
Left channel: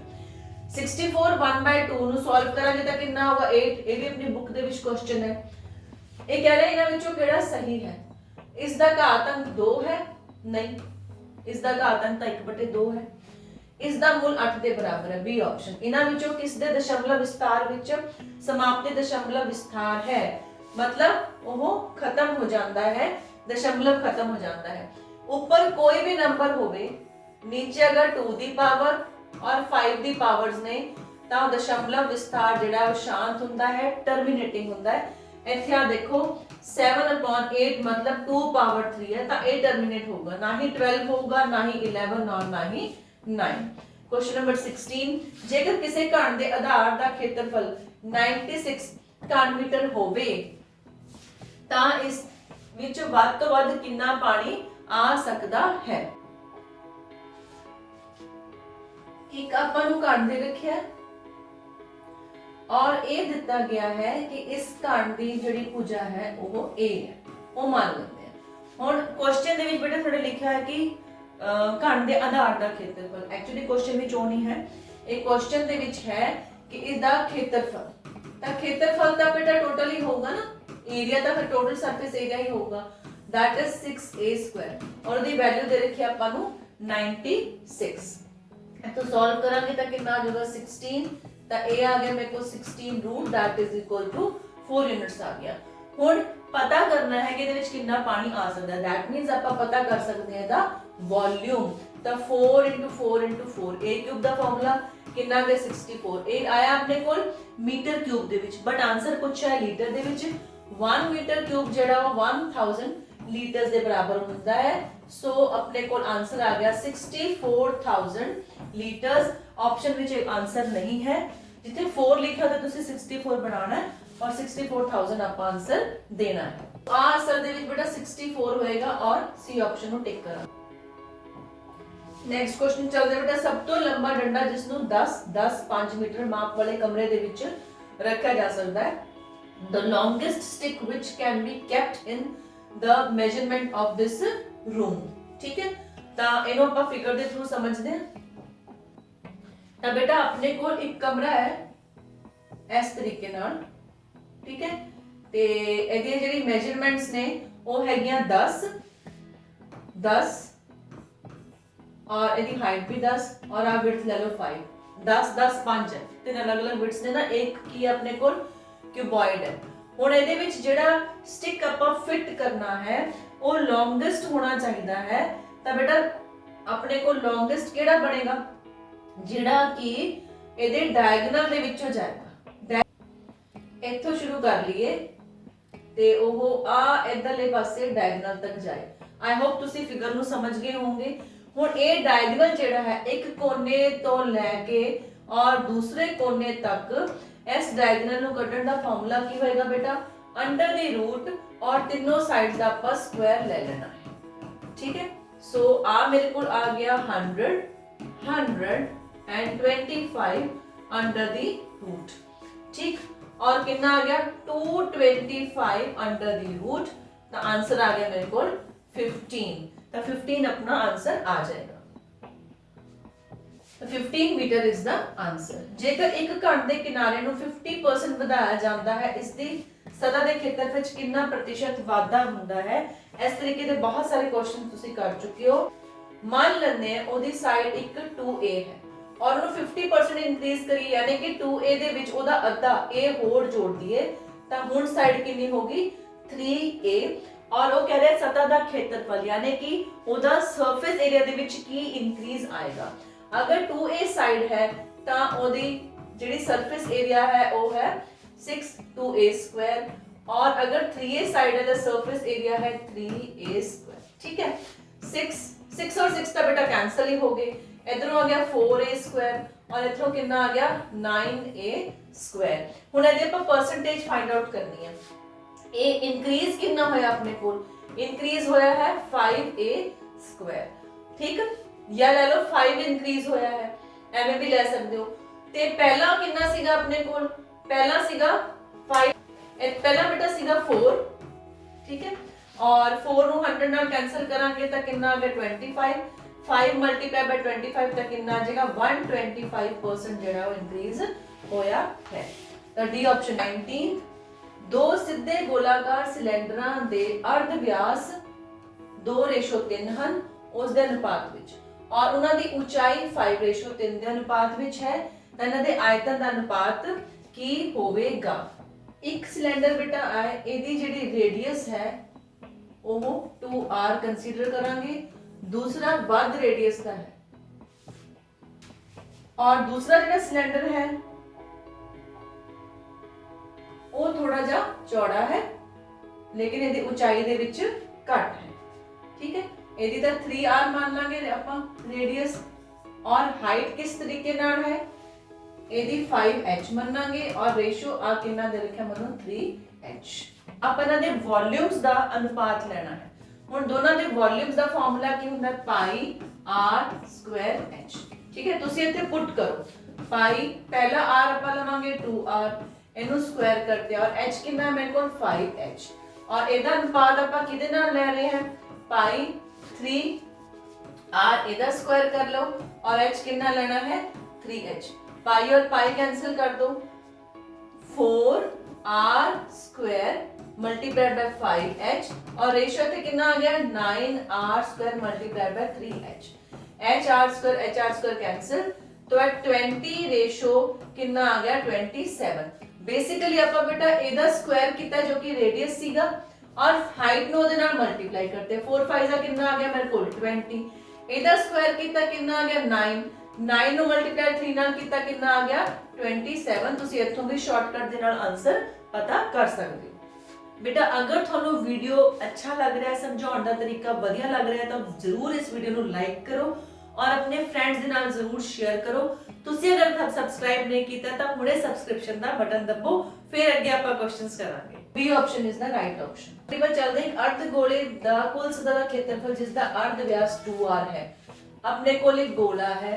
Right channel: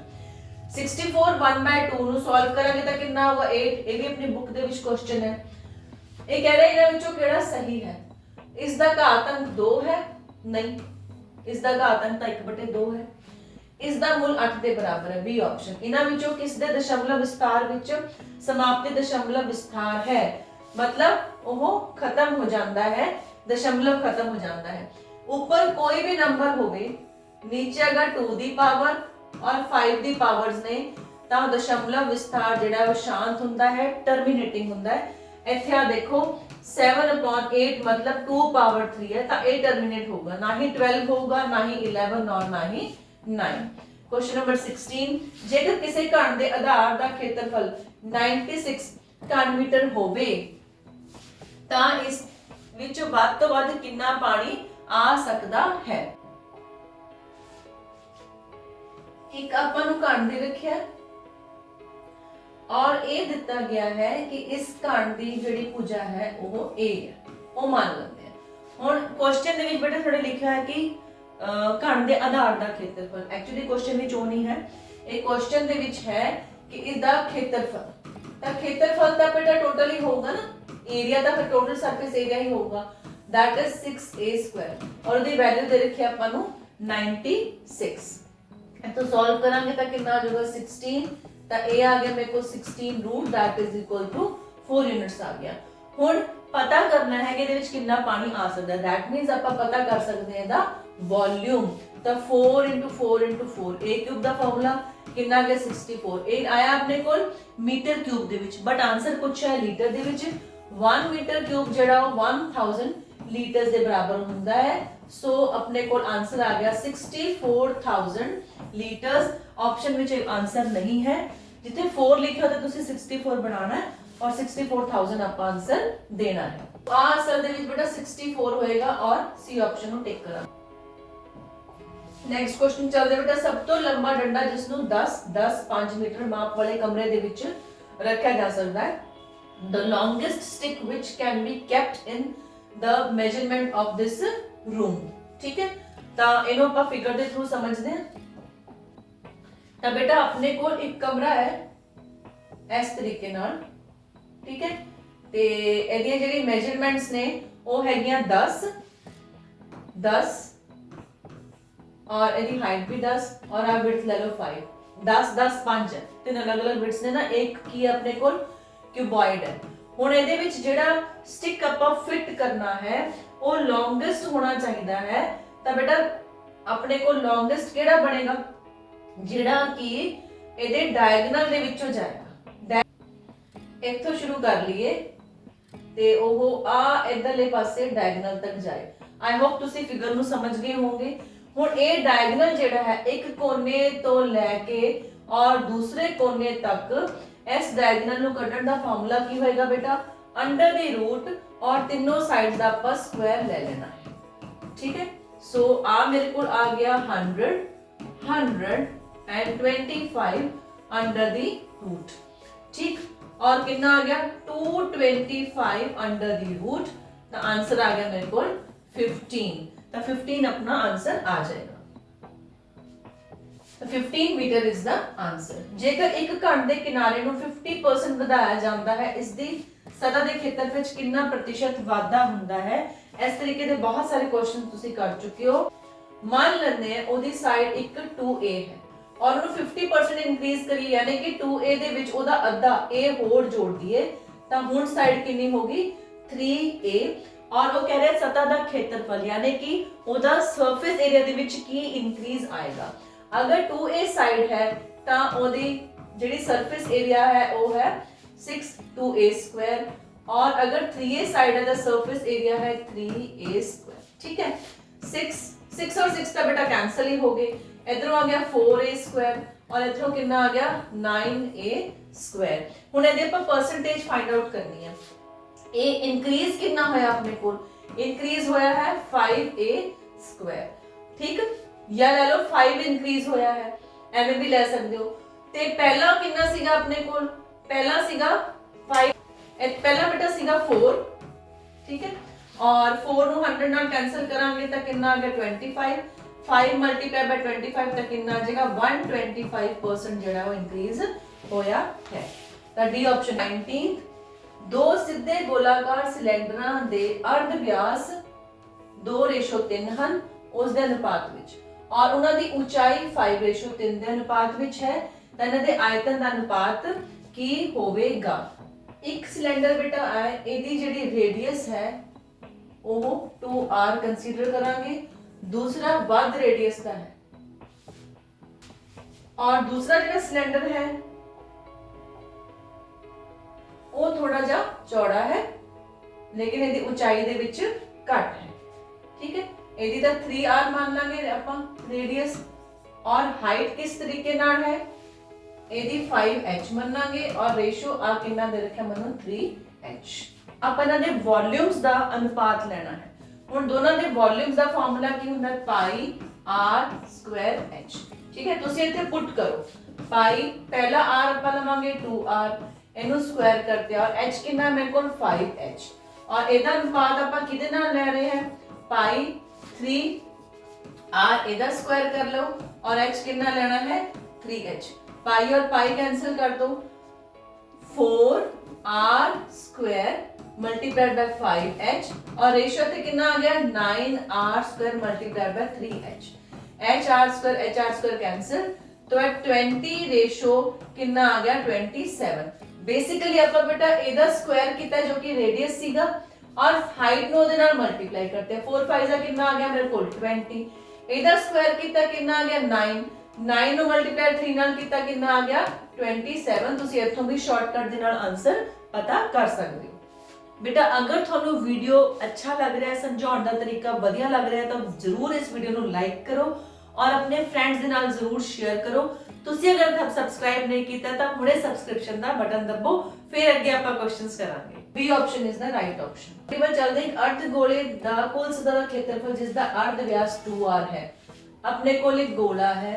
64 1/2 ਨੂੰ ਸੋਲਵ ਕਰਾਂਗੇ ਤਾਂ ਕਿੰਨਾ ਹੋਗਾ? 8। ਇਹ ਵੀ ਆਪਣੀ ਬੁੱਕ ਦੇ ਵਿੱਚ ਕੁਐਸਚਨ ਹੈ। ਇਹ ਕਹਿ ਰਿਹਾ ਇਹਨਾਂ ਵਿੱਚੋਂ ਕਿਹੜਾ ਸਹੀ ਹੈ? ਇਸ ਦਾ ਘਾਤ ਅੰਕ 2 ਹੈ? ਨਹੀਂ, ਇਸ ਦਾ ਘਾਤ ਅੰਕ ਤਾਂ 1/2 ਹੈ। ਇਸ ਦਾ ਮੁੱਲ 8 ਦੇ ਬਰਾਬਰ ਹੈ, ਬੀ ਆਪਸ਼ਨ। ਇਹਨਾਂ ਵਿੱਚੋਂ ਕਿਸ ਦੇ ਦਸ਼ਮਲਵ ਵਿਸਤਾਰ ਵਿੱਚ ਸਮਾਪਤੀ ਦਸ਼ਮਲਵ ਵਿਸਤਾਰ ਹੈ? मतलब ਉਹ ਖਤਮ ਹੋ ਜਾਂਦਾ ਹੈ, ਦਸ਼ਮਲਵ ਖਤਮ ਹੋ ਜਾਂਦਾ ਹੈ। ਉੱਪਰ ਕੋਈ ਵੀ ਨੰਬਰ ਹੋਵੇ, ਨੀਚੇ ਅਗਰ 2 ਦੀ ਪਾਵਰ और 5 ਦੀ ਪਾਵਰਸ ਨੇ, ਤਾਂ ਦਸ਼ਮਲਵ ਵਿਸਤਾਰ ਜਿਹੜਾ ਉਹ ਸ਼ਾਂਤ ਹੁੰਦਾ ਹੈ, ਟਰਮੀਨੇਟਿੰਗ ਹੁੰਦਾ ਹੈ। ਇੱਥੇ ਆ ਦੇਖੋ 7/8 मतलब 2/3 ਹੈ, ਤਾਂ ਇਹ ਟਰਮੀਨੇਟ ਹੋਊਗਾ, ਨਾ ਹੀ 12 ਹੋਊਗਾ, ਨਾ ਹੀ 11 ਔਰ ਨਾ ਹੀ 9। क्वेश्चन नंबर 16 ਜੇਕਰ ਕਿਸੇ ਘਣ ਦੇ ਆਧਾਰ ਦਾ ਖੇਤਰਫਲ 96 ਘਨ ਮੀਟਰ ਹੋਵੇ ਤਾਂ ਇਸ ਵਿੱਚ ਵੱਧ ਤੋਂ ਵੱਧ ਕਿੰਨਾ ਪਾਣੀ ਆ ਸਕਦਾ ਹੈ? एक ਆਪਾਂ ਨੂੰ ਘਣ ਦੇ ਰੱਖਿਆ ਔਰ ਇਹ ਦਿੱਤਾ ਗਿਆ ਹੈ ਕਿ ਇਸ ਘਣ ਦੀ ਜਿਹੜੀ ਭੁਜਾ ਹੈ ਉਹ a ਹੈ, ਉਹ ਮੰਨ ਲੈਂਦੇ ਆ। ਹੁਣ ਕੁਐਸਚਨ ਦੇ ਵਿੱਚ ਬੇਟਾ ਥੋੜੇ ਲਿਖਿਆ ਹੈ ਕਿ ਘਣ ਦੇ ਆਧਾਰ ਦਾ ਖੇਤਰਫਲ, ਐਕਚੁਅਲੀ ਕੁਐਸਚਨ ਵਿੱਚ ਉਹ ਨਹੀਂ ਹੈ, ਇਹ ਕੁਐਸਚਨ ਦੇ ਵਿੱਚ ਹੈ ਕਿ ਇਸ ਦਾ ਖੇਤਰਫਲ, ਤਾਂ ਖੇਤਰਫਲ ਤਾਂ ਬੇਟਾ ਟੋਟਲ ਹੀ ਹੋਊਗਾ ਨਾ, ਏਰੀਆ ਤਾਂ ਫਿਰ ਟੋਟਲ ਸਰਫੇਸ ਏਰੀਆ ਹੀ ਹੋਊਗਾ, that is 6a² ਔਰ ਉਹਦੀ ਵੈਲਿਊ ਦੇ ਰੱਖੀ ਆਪਾਂ ਨੂੰ 96। तो सॉल्व करांगे तो कितना आ जाएगा 16, तो ए आ गया मेरे को 16 root that is equal to 4 units आ गया। हुण पता करना है कि ਇਹਦੇ ਵਿੱਚ ਕਿੰਨਾ ਪਾਣੀ ਆ ਸਕਦਾ ਹੈ। दैट मींस ਆਪਾਂ ਪਤਾ ਕਰ ਸਕਦੇ ਹਾਂ ਦਾ ਵੋਲਿਊਮ। ਤਾਂ 4 4 4 a ਕਿਊਬ ਦਾ ਫਾਰਮੂਲਾ ਕਿੰਨਾ ਆ ਗਿਆ 64। ਇਹ ਆਇਆ ਆਪਣੇ ਕੋਲ ਮੀਟਰ ਕਿਊਬ ਦੇ ਵਿੱਚ, ਬਟ ਆਨਸਰ ਪੁੱਛਿਆ ਹੈ ਲੀਟਰ ਦੇ ਵਿੱਚ। 1 ਮੀਟਰ ਕਿਊਬ ਜਿਹੜਾ ਉਹ 1000 ਲੀਟਰ ਦੇ ਬਰਾਬਰ ਹੁੰਦਾ ਹੈ। ਸੋ ਆਪਣੇ ਕੋਲ ਆਨਸਰ ਆ ਗਿਆ 64000 ਲੀਟਰਸ। ਆਪਸ਼ਨ ਵਿੱਚ ਆਨਸਰ ਨਹੀਂ ਹੈ, ਜਿੱਥੇ 4 ਲਿਖਿਆ ਹੋਇਆ ਤੁਸੀਂ 64 ਬਣਾਉਣਾ ਹੈ और 64000 ਆਪਾਂ ਆਨਸਰ ਦੇਣਾ ਹੈ। ਆ ਅਸਲ ਦੇ ਵਿੱਚ ਬੇਟਾ 64 ਹੋਏਗਾ ਔਰ ਸੀ ਆਪਸ਼ਨ ਨੂੰ ਟਿਕ ਕਰਾਂ। ਨੈਕਸਟ ਕੁਐਸਚਨ ਚੱਲਦਾ ਬੇਟਾ, ਸਭ ਤੋਂ ਲੰਬਾ ਡੰਡਾ ਜਿਸ ਨੂੰ 10 10 5 ਮੀਟਰ ਮਾਪ ਵਾਲੇ ਕਮਰੇ ਦੇ ਵਿੱਚ ਰੱਖਿਆ ਜਾ ਸਕਦਾ ਹੈ। the longest stick which can be kept in the measurement of this room। ठीक है, ਤਾਂ ਇਹਨੂੰ ਆਪਾਂ ਫਿਗਰ ਦੇ ਥਰੂ ਸਮਝਦੇ ਹਾਂ। ਤਾਂ ਬੇਟਾ ਆਪਣੇ ਕੋਲ ਇੱਕ ਕਮਰਾ ਹੈ ਇਸ ਤਰੀਕੇ ਨਾਲ, ठीक है, ਤੇ ਇਹਦੀਆਂ ਜਿਹੜੀ ਮੈਜ਼ਰਮੈਂਟਸ ਨੇ ਉਹ ਹੈਗੀਆਂ 10 10 और ਇਹਦੀ ਹਾਈਟ ਵੀ 10 और ਆ ਵਿਡਥ ਲੈ ਲਓ 5 10 10 5 ਹੈ, ਤਿੰਨ ਅਲੱਗ-ਅਲੱਗ ਵਿਡਥਸ ਨੇ ਨਾ। ਇੱਕ ਕੀ ਹੈ ਆਪਣੇ ਕੋਲ ਕਿਊਬॉइड ਹੈ। ਹੁਣ ਇਹਦੇ ਵਿੱਚ ਜਿਹੜਾ ਸਟਿਕ ਆਪਾਂ ਫਿਟ ਕਰਨਾ ਹੈ ਉਹ ਲੌਂਗੇਸਟ ਹੋਣਾ ਚਾਹੀਦਾ ਹੈ। ਤਾਂ ਬੇਟਾ ਆਪਣੇ ਕੋਲ ਲੌਂਗੇਸਟ ਕਿਹੜਾ ਬਣੇਗਾ, ਜਿਹੜਾ ਕਿ ਇਹਦੇ ਡਾਇਗੋਨਲ ਦੇ ਵਿੱਚੋਂ ਜਾਏਗਾ। ਇੱਥੋਂ ਸ਼ੁਰੂ ਕਰ ਲਈਏ ਤੇ ਉਹ ਆ ਇਧਰਲੇ ਪਾਸੇ ਡਾਇਗੋਨਲ ਤੱਕ ਜਾਏ। ਆਈ ਹੋਪ ਤੁਸੀਂ ਫਿਗਰ ਨੂੰ ਸਮਝ ਗਏ ਹੋਵੋਗੇ। ਹੁਣ ਇਹ ਡਾਇਗੋਨਲ ਜਿਹੜਾ ਹੈ ਇੱਕ ਕੋਨੇ ਤੋਂ ਲੈ ਕੇ ਔਰ ਦੂਸਰੇ ਕੋਨੇ ਤੱਕ, ਇਸ ਡਾਇਗੋਨਲ ਨੂੰ ਕੱਢਣ ਦਾ ਫਾਰਮੂਲਾ ਕੀ ਹੋਏਗਾ ਬੇਟਾ, ਅੰਡਰ ਦੀ ਰੂਟ ਔਰ ਤਿੰਨੋਂ ਸਾਈਡਸ ਦਾ ਆਪਾਂ ਸਕੁਆਇਰ ਲੈ ਲੈਣਾ ਹੈ। ਠੀਕ ਹੈ, ਸੋ ਆ ਮੇਰੇ ਕੋਲ ਆ ਗਿਆ 100 100 and 25 ਅੰਡਰ ਦੀ ਰੂਟ। ठीक, और कितना आ गया 225 अंडर दी रूट। तो आंसर आ गया मेरे को 15। तो 15 अपना आंसर आ जाएगा। तो 15 मीटर इज द आंसर। जेकर एक घन के किनारे ਨੂੰ 50% ਵਧਾਇਆ ਜਾਂਦਾ ਹੈ, ਇਸ ਦੀ ਸਤਹ ਦੇ ਖੇਤਰ ਵਿੱਚ ਕਿੰਨਾ ਪ੍ਰਤੀਸ਼ਤ ਵਾਧਾ ਹੁੰਦਾ ਹੈ। ਇਸ ਤਰੀਕੇ ਦੇ ਬਹੁਤ ਸਾਰੇ ਕੁਐਸਚਨ ਤੁਸੀਂ ਕਰ ਚੁੱਕੇ ਹੋ। ਮੰਨ ਲੈਂਦੇ ਹਾਂ ਉਹਦੀ ਸਾਈਡ ਇੱਕ 2a ਹੈ और ਉਹਨੂੰ 50% ਇੰਕਰੀਜ਼ ਕਰੀ, ਯਾਨੀ ਕਿ 2a ਦੇ ਵਿੱਚ ਉਹਦਾ ਅੱਧਾ a ਹੋਰ ਜੋੜ ਦਈਏ ਤਾਂ ਹੁਣ ਸਾਈਡ ਕਿੰਨੀ ਹੋਗੀ 3a। और वो कह रहे हैं सतह ਦਾ ਖੇਤਰਫਲ, यानी कि ਉਹਦਾ ਸਰਫੇਸ ਏਰੀਆ ਦੇ ਵਿੱਚ ਕੀ ਇੰਕਰੀਜ਼ ਆਏਗਾ। ਅਗਰ 2a ਸਾਈਡ ਹੈ ਤਾਂ ਉਹਦੀ ਜਿਹੜੀ ਸਰਫੇਸ ਏਰੀਆ ਹੈ ਉਹ ਹੈ 6 2a ਸਕੁਆਇਰ, और अगर 3a साइड है तो सरफेस एरिया है 3a स्क्वायर। ठीक है, 6 और 6 का बेटा कैंसिल ही हो गए। इधरों आ गया 4a स्क्वायर और इधरों कितना आ गया 9a स्क्वायर। हुण ਇਹਦੇ ਆਪਾਂ परसेंटेज फाइंड आउट करनी है। a इंक्रीज कितना होया अपने को, इंक्रीज होया है 5a स्क्वायर। ठीक, या ले लो 5 इंक्रीज होया है, ਐਵੇਂ ਵੀ ਲੈ ਸਕਦੇ ਹੋ। ਤੇ ਪਹਿਲਾ ਕਿੰਨਾ ਸੀਗਾ ਆਪਣੇ ਕੋਲ, ਪਹਿਲਾ ਸੀਗਾ 5, ਪਹਿਲਾ ਬੇਟਾ ਸੀਗਾ 4। ठीक है, और 4 ਨੂੰ 100 ਨਾਲ ਕੈਨਸਲ ਕਰਾਂਗੇ ਤਾਂ ਕਿੰਨਾ ਆ ਗਿਆ 25। 5 ਮਲਟੀਪਲਾਈ ਬਾਈ 25 ਤਾਂ ਕਿੰਨਾ ਆ ਜਾਏਗਾ 125% ਜਿਹੜਾ ਉਹ ਇੰਕਰੀਜ਼ ਹੋਇਆ ਹੈ। ਤਾਂ ਡੀ ਆਪਸ਼ਨ 19। ਦੋ ਸਿੱਧੇ ਗੋਲਾਕਾਰ ਸਿਲੰਡਰਾਂ ਦੇ ਅਰਧ ਵਿਆਸ 2:3 ਹਨ ਉਸ ਦੇ ਅਨੁਪਾਤ ਵਿੱਚ, ਔਰ ਉਹਨਾਂ ਦੀ ਉਚਾਈ 5:3 ਦੇ ਅਨੁਪਾਤ ਵਿੱਚ ਹੈ। ਤਾਂ ਇਹਨਾਂ ਦੇ ਆਇਤਨ ਦਾ ਅਨੁਪਾਤ ਕੀ ਹੋਵੇਗਾ। ਇੱਕ ਸਿਲੰਡਰ ਬੇਟਾ ਹੈ, ਇਹਦੀ ਜਿਹੜੀ ਰੇਡੀਅਸ ਹੈ ਉਹ 2r ਕੰਸੀਡਰ ਕਰਾਂਗੇ, दूसरा ਵੱਧ रेडियस का है, और दूसरा ਜਿਹੜਾ सिलेंडर है ਉਹ ਥੋੜਾ ਜਿਹਾ ਚੌੜਾ ਹੈ ਲੇਕਿਨ ਇਹਦੀ ਉਚਾਈ ਦੇ ਵਿੱਚ ਘੱਟ ਹੈ। ਠੀਕ ਹੈ, ਇਹਦੀ ਤਾਂ 3r ਮੰਨ ਲਾਂਗੇ ਆਪਾਂ रेडियस, और हाइट किस तरीके ਨਾਲ ਹੈ ਇਹਦੀ 5h ਮੰਨਾਂਗੇ, और ਰੇਸ਼ੋ ਆ ਕਿੰਨਾ ਦੇ ਰੱਖਿਆ ਮੈਨੂੰ 3h। ਆਪਾਂ ਇਹਨਾਂ ਦੇ ਵੋਲਿਊਮਸ ਦਾ ਅਨੁਪਾਤ ਲੈਣਾ ਹੈ। ਹੁਣ ਦੋਨਾਂ ਦੇ ਵੋਲਿਊਮਸ ਦਾ ਫਾਰਮੂਲਾ ਕੀ ਹੁੰਦਾ ਪਾਈ r ਸਕੁਆਇਰ h। ਠੀਕ ਹੈ, ਤੁਸੀਂ ਇੱਥੇ ਪੁੱਟ ਕਰੋ ਪਾਈ, ਪਹਿਲਾ r ਆਪਾਂ ਲਵਾਂਗੇ 2r, ਇਹਨੂੰ ਸਕੁਆਇਰ ਕਰਦੇ ਔਰ h ਕਿੰਨਾ ਮੇਰੇ ਕੋਲ 5h, ਔਰ ਇਹਦਾ ਅਨੁਪਾਤ ਆਪਾਂ ਕਿਹਦੇ ਨਾਲ ਲੈ ਰਹੇ ਹਾਂ ਪਾਈ 3r, ਇਹਦਾ ਸਕੁਆਇਰ ਕਰ ਲਓ और h कितना लेना है 3h। पाई और पाई कैंसिल कर दो, 4r square multiplied by 5h, और रेशियो थे कितना आ गया 9r square multiplied by 3h। H R square cancel, तो है 20 रेशो कितना आ गया 27। बेसिकली ਆਪਾਂ बेटा ਇਹਦਾ ਸਕੁਆਇਰ ਕੀਤਾ जो कि रेडियस ਸੀਗਾ और हाइट ਨੂੰ ਉਹਦੇ ਨਾਲ ਮਲਟੀਪਲਾਈ करते हैं। 4 5 ਦਾ ਕਿੰਨਾ ਆ ਗਿਆ ਮੇਰੇ ਕੋਲ 20, ਇਹਦਾ ਸਕੁਆਇਰ ਕੀਤਾ ਕਿੰਨਾ ਆ ਗਿਆ 9, 9 ਨੂੰ ਮਲਟੀਪਲਾਈ 3 ਨਾਲ ਕੀਤਾ ਕਿੰਨਾ ਆ ਗਿਆ 27। ਤੁਸੀਂ ਇੱਥੋਂ ਵੀ ਸ਼ਾਰਟਕਟ ਦੇ ਨਾਲ ਆਨਸਰ ਪਤਾ ਕਰ ਸਕਦੇ ਹੋ। बेटा अगर थानू वीडियो अच्छा लग रहा है, समझाने का तरीका बढ़िया लग रहा है तो जरूर इस वीडियो को लाइक करो और अपने फ्रेंड्स के नाल जरूर शेयर करो। तुसी अगर तक सब्सक्राइब नहीं किया तो हुणे सब्सक्रिप्शन का बटन दबो, फिर अगे आपां क्वेश्चंस करांगे। B option is the right option. अगली बार चलदे एक अर्ध गोले दा कुल सतह दा क्षेत्रफल जिसदा अर्ध व्यास 2r है। अपने कोल एक गोला है,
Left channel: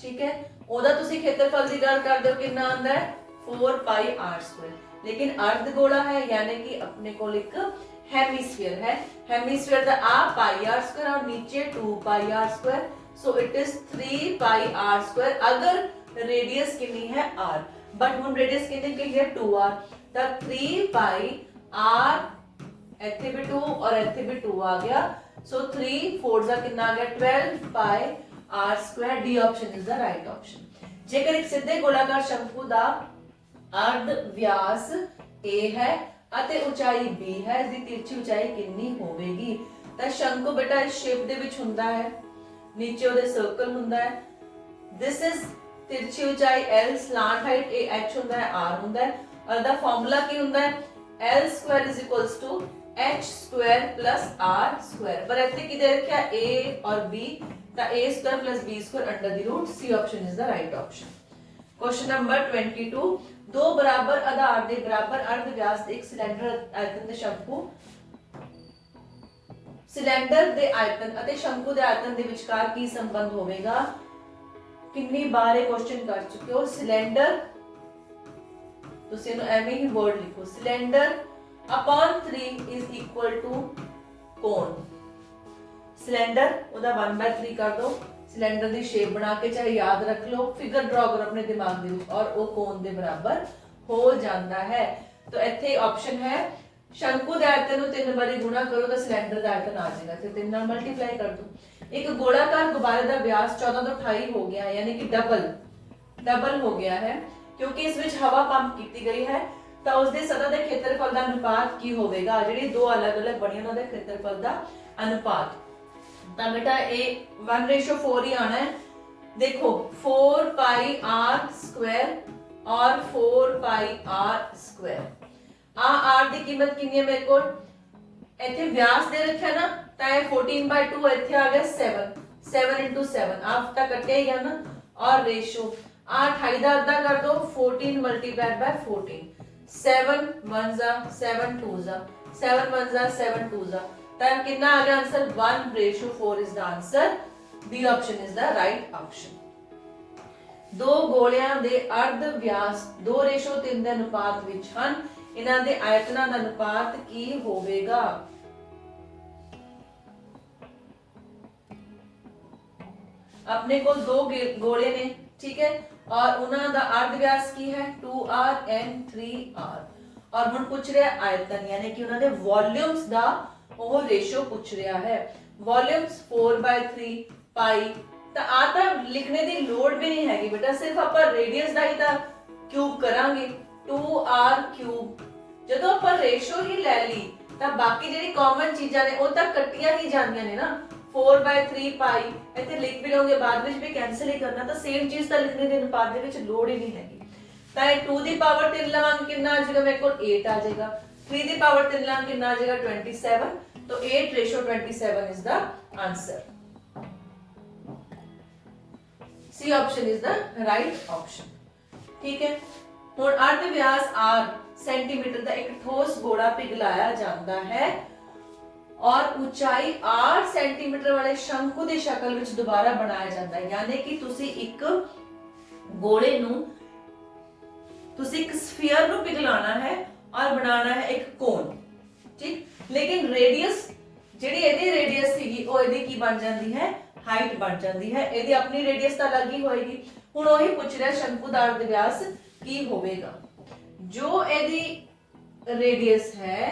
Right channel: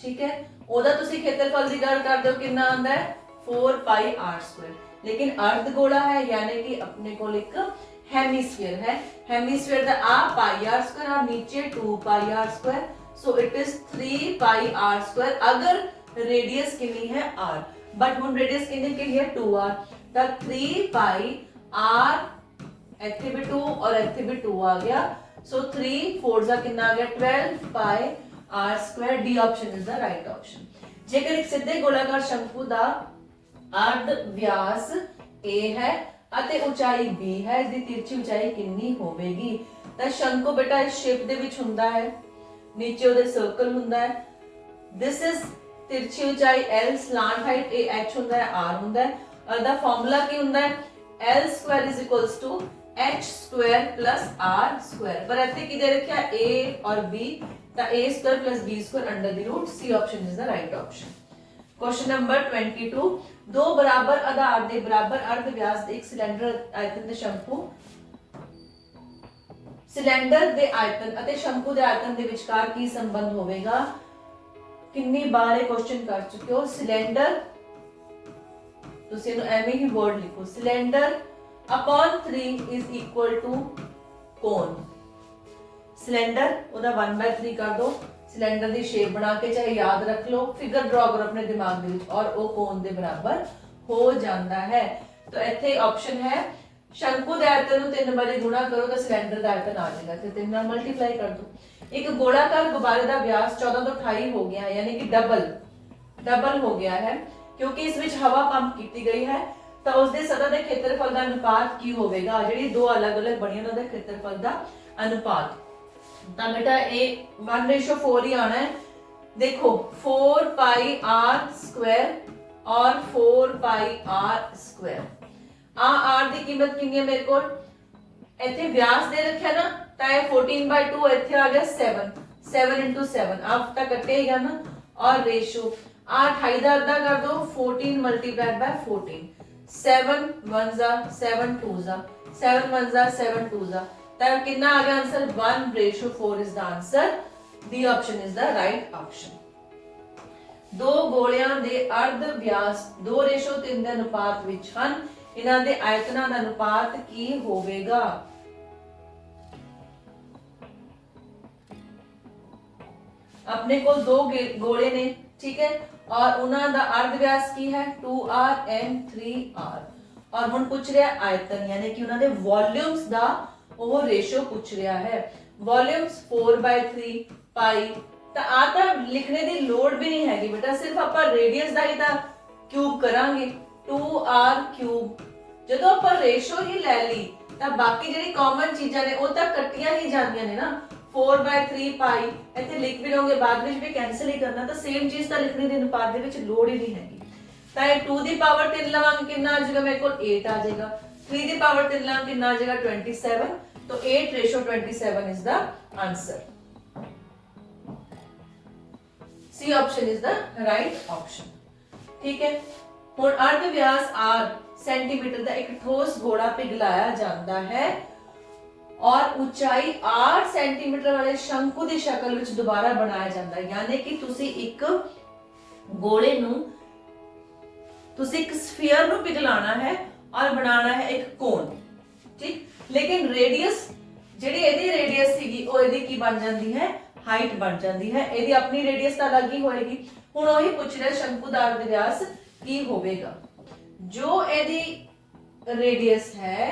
ठीक है, ओदा तुसी क्षेत्रफल दी गल करदे हो कितना आंदा है 4 पाई r स्क्वायर, लेकिन अर्ध गोला है यानी कि अपने को एक हेमिस्फीयर है। हेमिस्फीयर का आ पाई आर स्क्वायर और नीचे 2 pi r square, so it is 3 pi r square अगर रेडियस कितनी है r, बट हुन रेडियस कितनी की है 2r, तो 3 पाई r ਇੱਥੇ भी 2 और ਇੱਥੇ भी 2 आ गया, सो 3 4 ਦਾ कितना आ गया 12 पाई r square. D option is the right option. जेकर एक सीधे गोलाकार शंकु ਦਾ अर्ध व्यास a है ਅਤੇ ਉਚਾਈ b ਹੈ, ਇਸ ਦੀ ਤਿਰਛੀ ਉਚਾਈ ਕਿੰਨੀ ਹੋਵੇਗੀ? ਤਾਂ ਸ਼ੰਕੂ ਬੇਟਾ ਇਸ ਸ਼ੇਪ ਦੇ ਵਿੱਚ ਹੁੰਦਾ ਹੈ, ਨੀਚੇ ਉਹਦੇ ਸਰਕਲ ਹੁੰਦਾ ਹੈ, ਦਿਸ ਇਜ਼ ਤਿਰਛੀ ਉਚਾਈ l, ਸਲਾਂਟ ਹਾਈਟ a h ਹੁੰਦਾ ਹੈ, r ਹੁੰਦਾ ਹੈ, ਔਰ ਦਾ ਫਾਰਮੂਲਾ ਕੀ ਹੁੰਦਾ ਹੈ l square is equals to h square plus r square। ਪਰ ਇੱਥੇ ਕੀ ਦੇ ਰੱਖਿਆ a और b, ਤਾਂ a square plus b square under the root। c option is the right option। Question number 22, दो बराबर आधार दे बराबर अर्ध व्यास दे एक सिलेंडर आयतन दे शंकु, सिलेंडर दे आयतन ਅਤੇ ਸ਼ੰਕੂ ਦੇ ਆਇਤਨ ਦੇ ਵਿਚਕਾਰ ਕੀ ਸੰਬੰਧ ਹੋਵੇਗਾ? ਕਿੰਨੀ ਬਾਰ ਇਹ ਕੁਐਸਚਨ ਕਰ ਚੁੱਕੇ ਹੋ। ਸਿलेंडर ਤੁਸੀਂ ਇਹਨੂੰ ਐਵੇਂ ਹੀ ਵਰਡ ਲਿਖੋ, cylinder upon 3 is equal to कोण। सिलेंडर ਉਹਦਾ 1/3 कर दो, सिलेंडर की शेप बना के चाहे याद रख लो, फिगर ड्रॉ करो अपने दिमाग में और वो कोण के बराबर हो जाता है। तो इत्थे ऑप्शन है शंकु के आयतन को 3 बारी गुणा करो तो सिलेंडर का आयतन आ जाएगा, तो 3 नाल मल्टीप्लाई कर दो। एक गोलाकार गुब्बारे का व्यास 14 तो 28 हो गया, यानी कि डबल हो गया है, क्योंकि इस विच हवा पंप की गई है, तो उसके सतह के क्षेत्रफल का अनुपात की होगा? जिहड़ी दो अलग अलग बनी उन्हां दे क्षेत्रफल का अनुपात, तो बेटा ये 1:4 ही आना है। देखो 4 पाई r स्क्वायर और 4 पाई r स्क्वायर, r की कीमत कितनी है मेरे को? इथे व्यास दे रखा ना, तो ये 14/2 इथे आ गया 7 into 7 आप तक कटे गया ना, और रेशो 28 का अद्धा कर दो 14 मल्टीप्लाइड बाय 14, 7 1 जा 7 2 जा 7 1 जा 7 2 जा, तब कितना आ गया answer 1:4 is the answer. D option is the right option. दो गोलियां दे अर्ध व्यास 2:3 ਦੇ ਅਨੁਪਾਤ ਵਿੱਚ ਹਨ, ਇਹਨਾਂ ਦੇ ਆਇਤਨਾਂ ਦਾ ਅਨੁਪਾਤ ਕੀ ਹੋਵੇਗਾ? अपने को दो गोले ने, ठीक है, और उन्हां दा अर्ध व्यास की है 2r and 3r, और हुण पूछ रहा आयतन यानी कि उन्हां दे वॉल्यूम्स दा ਉਹ रेशो पूछ रहा है। वॉल्यूम्स 4/3 पाई, तो आ तो लिखने की लोड़ भी नहीं हैगी बेटा, सिर्फ आप रेडियस का ही क्यूब करांगे 2r क्यूब। जो आप रेशो ही ले ली तो बाकी जी कॉमन चीजा ने वो तो कट्टिया ही जांदियां ने ना, 4/3 पाई इतने लिख भी लोगे बाद में भी कैंसिल ही करना, तो सेम चीज तो लिखने के अनुपात के लोड़ ही नहीं हैगी। तो 2 की पावर 3 लवांगे कितना आ जाएगा मेरे को 8 आ जाएगा, 3 की पावर 3 लवांगे कितना आ जाएगा 27, तो 8:27 is the answer। C option is the right option। ठीक है, हुण अर्ध व्यास r सेंटीमीटर का एक ठोस गोला पिघलाया जाता है और ऊंचाई 8 सेंटीमीटर वाले शंकु की शक्ल विच दोबारा बनाया जाता है, यानी कि तुसी एक गोले नू, तुसी एक स्फीयर नू पिघलाना है और बनाना है एक कोण, ठीक। लेकिन रेडियस ਜਿਹੜੀ ਇਹਦੀ रेडियस ਸੀਗੀ ਉਹ ਇਹਦੀ ਕੀ ਬਣ ਜਾਂਦੀ ਹੈ ਹਾਈਟ ਬਣ ਜਾਂਦੀ ਹੈ, ਇਹਦੀ ਆਪਣੀ रेडियस ਤਾਂ ਅਲੱਗ ਹੀ ਹੋਏਗੀ। ਹੁਣ ਉਹੀ ਪੁੱਛ ਰਿਹਾ ਸ਼ੰਕੂ ਦਾ अर्ध व्यास ਕੀ ਹੋਵੇਗਾ? ਜੋ ਇਹਦੀ रेडियस है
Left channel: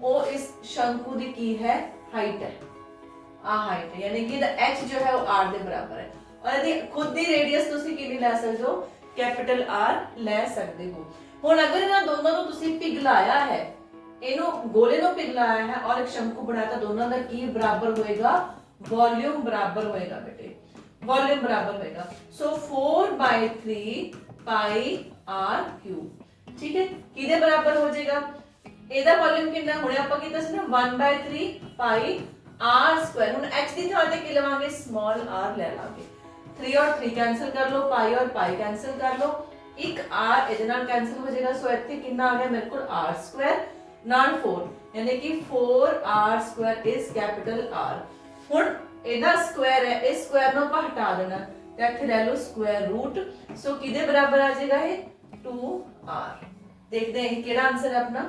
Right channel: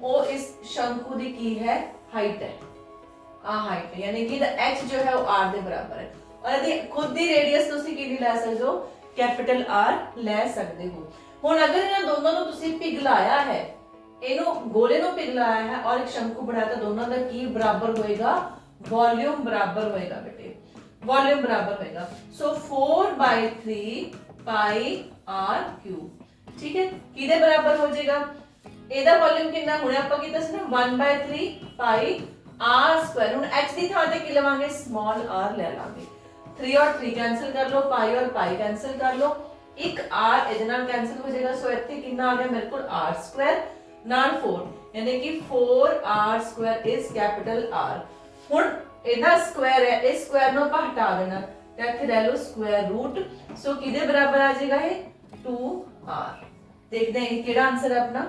वो इस शंकु ਦੀ ਕੀ है हाइट है, ਆ ਹਾਈਟ है, यानी कि h जो है वो r ਦੇ ਬਰਾਬਰ है। और यदि खुद ਦੀ ਰੇਡੀਅਸ ਤੁਸੀਂ ਕਿੰਨੀ ਲੈ ਸਕਦੇ ਹੋ, ਕੈਪੀਟਲ R ਲੈ ਸਕਦੇ ਹੋ। ਹੁਣ ਅਗਰ ਇਹਨਾਂ ਦੋਨਾਂ ਨੂੰ ਤੁਸੀਂ ਪਿਘਲਾਇਆ ਹੈ, ਇਹਨੂੰ ਗੋਲੇ ਨੂੰ ਪਿਘਲਾਇਆ ਹੈ ਔਰ ਇੱਕ ਸ਼ੰਕੂ ਬਣਾਇਆ, ਤਾਂ ਦੋਨਾਂ ਦਾ ਕੀ ਬਰਾਬਰ ਹੋਏਗਾ, ਵੋਲਿਊਮ ਬਰਾਬਰ ਹੋਏਗਾ ਬੇਟੇ, ਵੋਲਿਊਮ ਬਰਾਬਰ ਹੋਏਗਾ। ਸੋ 4/3 ਪਾਈ r ਕਿਊਬ, ਠੀਕ ਹੈ, ਕਿਹਦੇ ਬਰਾਬਰ ਹੋ ਜਾਏਗਾ, ਇਹਦਾ ਵੋਲਿਊਮ ਕਿੰਨਾ, ਹੁਣੇ ਆਪਾਂ ਕੀਤਾ ਸੀ ਨਾ 1/3 ਪਾਈ r ਸਕੁਆਇਰ। ਹੁਣ h ਦੀ ਥਾਂ ਤੇ ਕੀ ਲਵਾਂਗੇ, ਸਮਾਲ r ਲੈ ਲਾਂਗੇ। 3 और 3 कैंसिल कर लो, पाई और पाई कैंसिल कर लो, एक r ਇਹਦੇ ਨਾਲ कैंसिल हो जाएगा। सो ਇੱਥੇ ਕਿੰਨਾ ਆ ਗਿਆ ਮੇਰੇ ਕੋਲ r ਸਕੁਆਇਰ ਨਾਲ 4, ਯਾਨੀ ਕਿ 4r Square is capital R। ਹੁਣ ਇਹਦਾ ਸਕੁਆਇਰ ਹੈ, ਇਸ ਸਕੁਆਇਰ ਨੂੰ ਆਪਾਂ ਹਟਾ ਦੇਣਾ ਤੇ ਇੱਥੇ ਲੈ ਲਓ ਸਕੁਆਇਰ ਰੂਟ। ਸੋ ਕਿਹਦੇ ਬਰਾਬਰ ਆ ਜਾਏਗਾ ਇਹ, 2r। ਦੇਖਦੇ ਹਾਂ ਕਿਹੜਾ ਆਨਸਰ ਹੈ ਆਪਣਾ।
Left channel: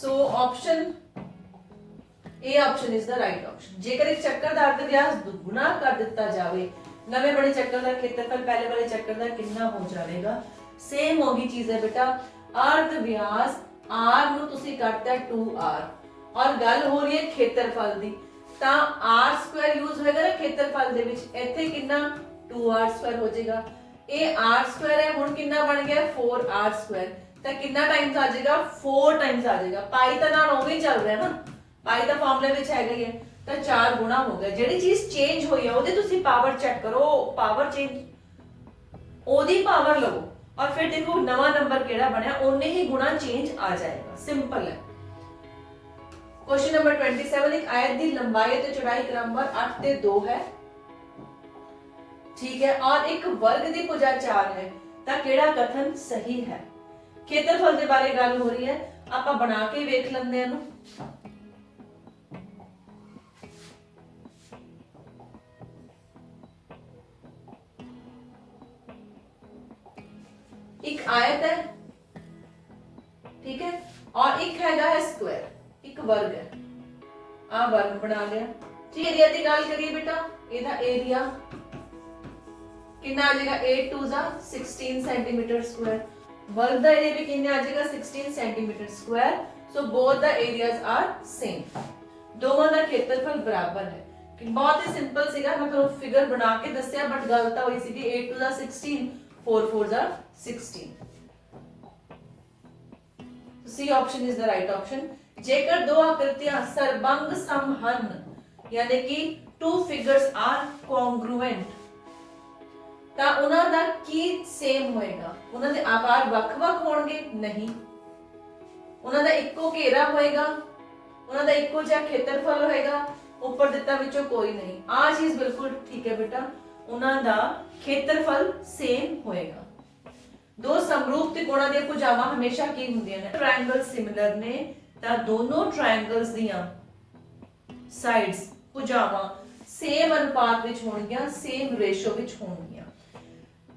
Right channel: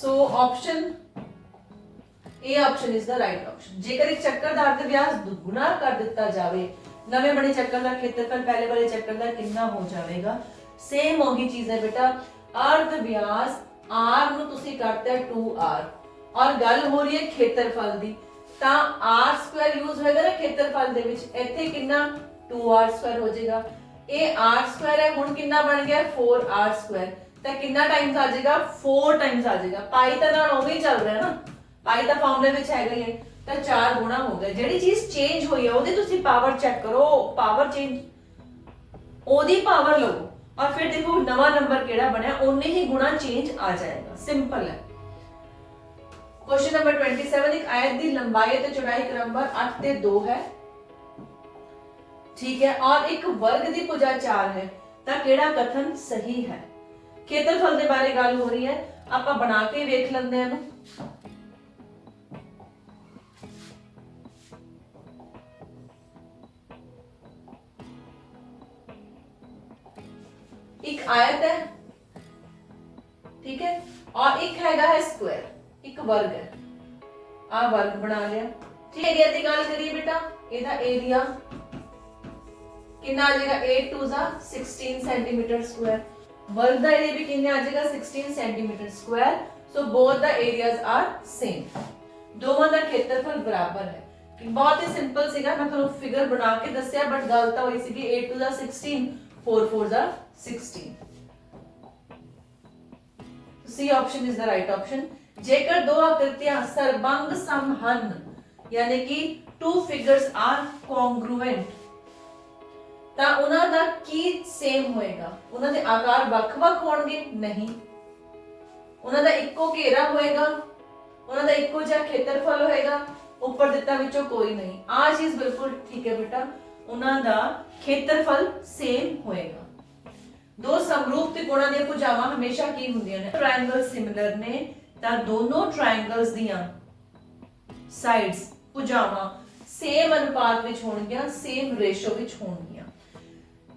ਸੋ option A option is the right option. जेकर एक चक्कर ਦਾ ਅਰਧ ਵਿਆਸ ਦੁੱਗਣਾ ਕਰ ਦਿੱਤਾ ਜਾਵੇ, ਨਵੇਂ ਬਣੇ ਚੱਕਰ ਦਾ ਖੇਤਰਫਲ ਪਹਿਲੇ ਵਾਲੇ ਚੱਕਰ ਦਾ ਕਿੰਨਾ ਹੋ ਜਾਵੇਗਾ। ਸੇਮ ਉਹੀ ਚੀਜ਼ ਹੈ ਬੇਟਾ, ਅਰਧ ਵਿਆਸ r ਨੂੰ ਤੁਸੀਂ ਕਰਤਾ 2r ਔਰ ਗੱਲ ਹੋ ਰਹੀ ਹੈ ਖੇਤਰਫਲ ਦੀ, ਤਾਂ r ਸਕੁਆਇਰ ਯੂਜ਼ ਹੋਏਗਾ ਨਾ ਖੇਤਰਫਲ ਦੇ ਵਿੱਚ, ਇੱਥੇ ਕਿੰਨਾ 2r ਸਕੁਆਇਰ ਹੋ ਜਾਏਗਾ। ਇਹ r ਸਕੁਆਇਰ ਹੈ, ਹੁਣ ਕਿੰਨਾ ਬਣ ਗਿਆ 4r ਸਕੁਆਇਰ, ਤਾਂ ਕਿੰਨਾ ਟਾਈਮਸ ਆ ਜਾਏਗਾ, 4 ਟਾਈਮਸ ਆ ਜਾਏਗਾ। ਪਾਈ ਤਾਂ ਨਾਲ ਉਵੇਂ ਹੀ ਚੱਲ ਰਿਹਾ ਨਾ, ਪਾਈ ਦਾ ਫਾਰਮੂਲੇ ਵਿੱਚ ਹੈਗਾ ਹੀ ਹੈ, ਤਾਂ 4 ਗੁਣਾ ਹੋ ਗਿਆ। ਜਿਹੜੀ ਚੀਜ਼ ਚੇਂਜ ਹੋਈ ਹੈ ਉਹਦੀ ਤੁਸੀਂ ਪਾਵਰ ਚੈੱਕ ਕਰੋ, ਪਾਵਰ ਚੇਂਜ ਉਹਦੀ ਪਾਵਰ ਲਓ और फिर देखो नवा नंबर केड़ा बनया, उन्ने ही गुना चेंज आ जाएगा। सिंपल है। क्वेश्चन नंबर 27, एक आयत दी लंबाई ते चौड़ाई क्रमवार 8 ते 2 है, ठीक है, और एक वर्ग दी भुजा 4 है, ता केड़ा कथन सही है। खेत्रफल दे बारे गल हो रही है, आपां बना के वेख लैंदे हां। एक आयत है, ठीक है, और एक हैगा है स्क्वायर, एक वर्ग है, आ वर्ग बना लिया। ठीक, एरिया की गल करिए बेटा, एदा एरिया कितना आ जाएगा, 8 2 16 सेंटीमीटर स्क्वायर। वर्ग दा एरिया भी कितना आ जाएगा, 16 centimetre square. So both the areas are same, दोवां दा खेत्रफल बराबर है। बहुत ही सिंपल सीगा, मैं ਤੁਹਾਨੂੰ फिगर बना के दस्या, बट गल ਤਾਂ ਹੋਈ ਸੀਗੀ 8 2 16 4 4 16। C option is the right option. जेकर दो आकृतियां सरबंग सम ਹਨ, यानी कि टू फिगर्स आर कॉन्ग्रुएंट, ਤਾਂ ਉਹਨਾਂ ਦਾ ਕੀ ਸੇਮ ਹੋਏਗਾ, ਉਹਨਾਂ ਦੇ ਆਕਾਰ ਵੱਖ-ਵੱਖ ਹੋਣਗੇ, ਨਹੀਂ, ਉਹਨਾਂ ਦਾ ਇੱਕੋ ਘੇਰਾ ਹੋਏਗਾ, ਉਹਨਾਂ ਦਾ ਇੱਕੋ ਜਿਹਾ ਖੇਤਰਫਲ ਹੋਏਗਾ, ਉੱਪਰ ਦਿੱਤਾ ਵਿੱਚੋਂ ਕੋਈ ਨਹੀਂ। ਆ ਚੀਜ਼ ਬਿਲਕੁਲ ਠੀਕ ਹੈ ਬੇਟਾ, ਉਹਨਾਂ ਦਾ ਖੇਤਰਫਲ ਸੇਮ ਹੋਏਗਾ। ਦੋ ਸਮਰੂਪ ਤਿਕੋਣਾਂ ਦੀਆਂ ਭੁਜਾਵਾਂ ਹਮੇਸ਼ਾ ਕੀ ਹੁੰਦੀਆਂ ਨੇ, ਟ੍ਰਾਇੰਗਲ ਸਿਮਿਲਰ ਨੇ, ਤਾਂ ਦੋਨੋਂ ਟ੍ਰਾਇੰਗਲਸ ਦੀਆਂ ਸਾਈਡਸ ਭੁਜਾਵਾਂ ਸੇਮ ਅਨੁਪਾਤ ਵਿੱਚ ਹੋਣਗੀਆਂ, ਸੇਮ ਰੇਸ਼ੋ ਵਿੱਚ ਹੋਣਗੀਆਂ।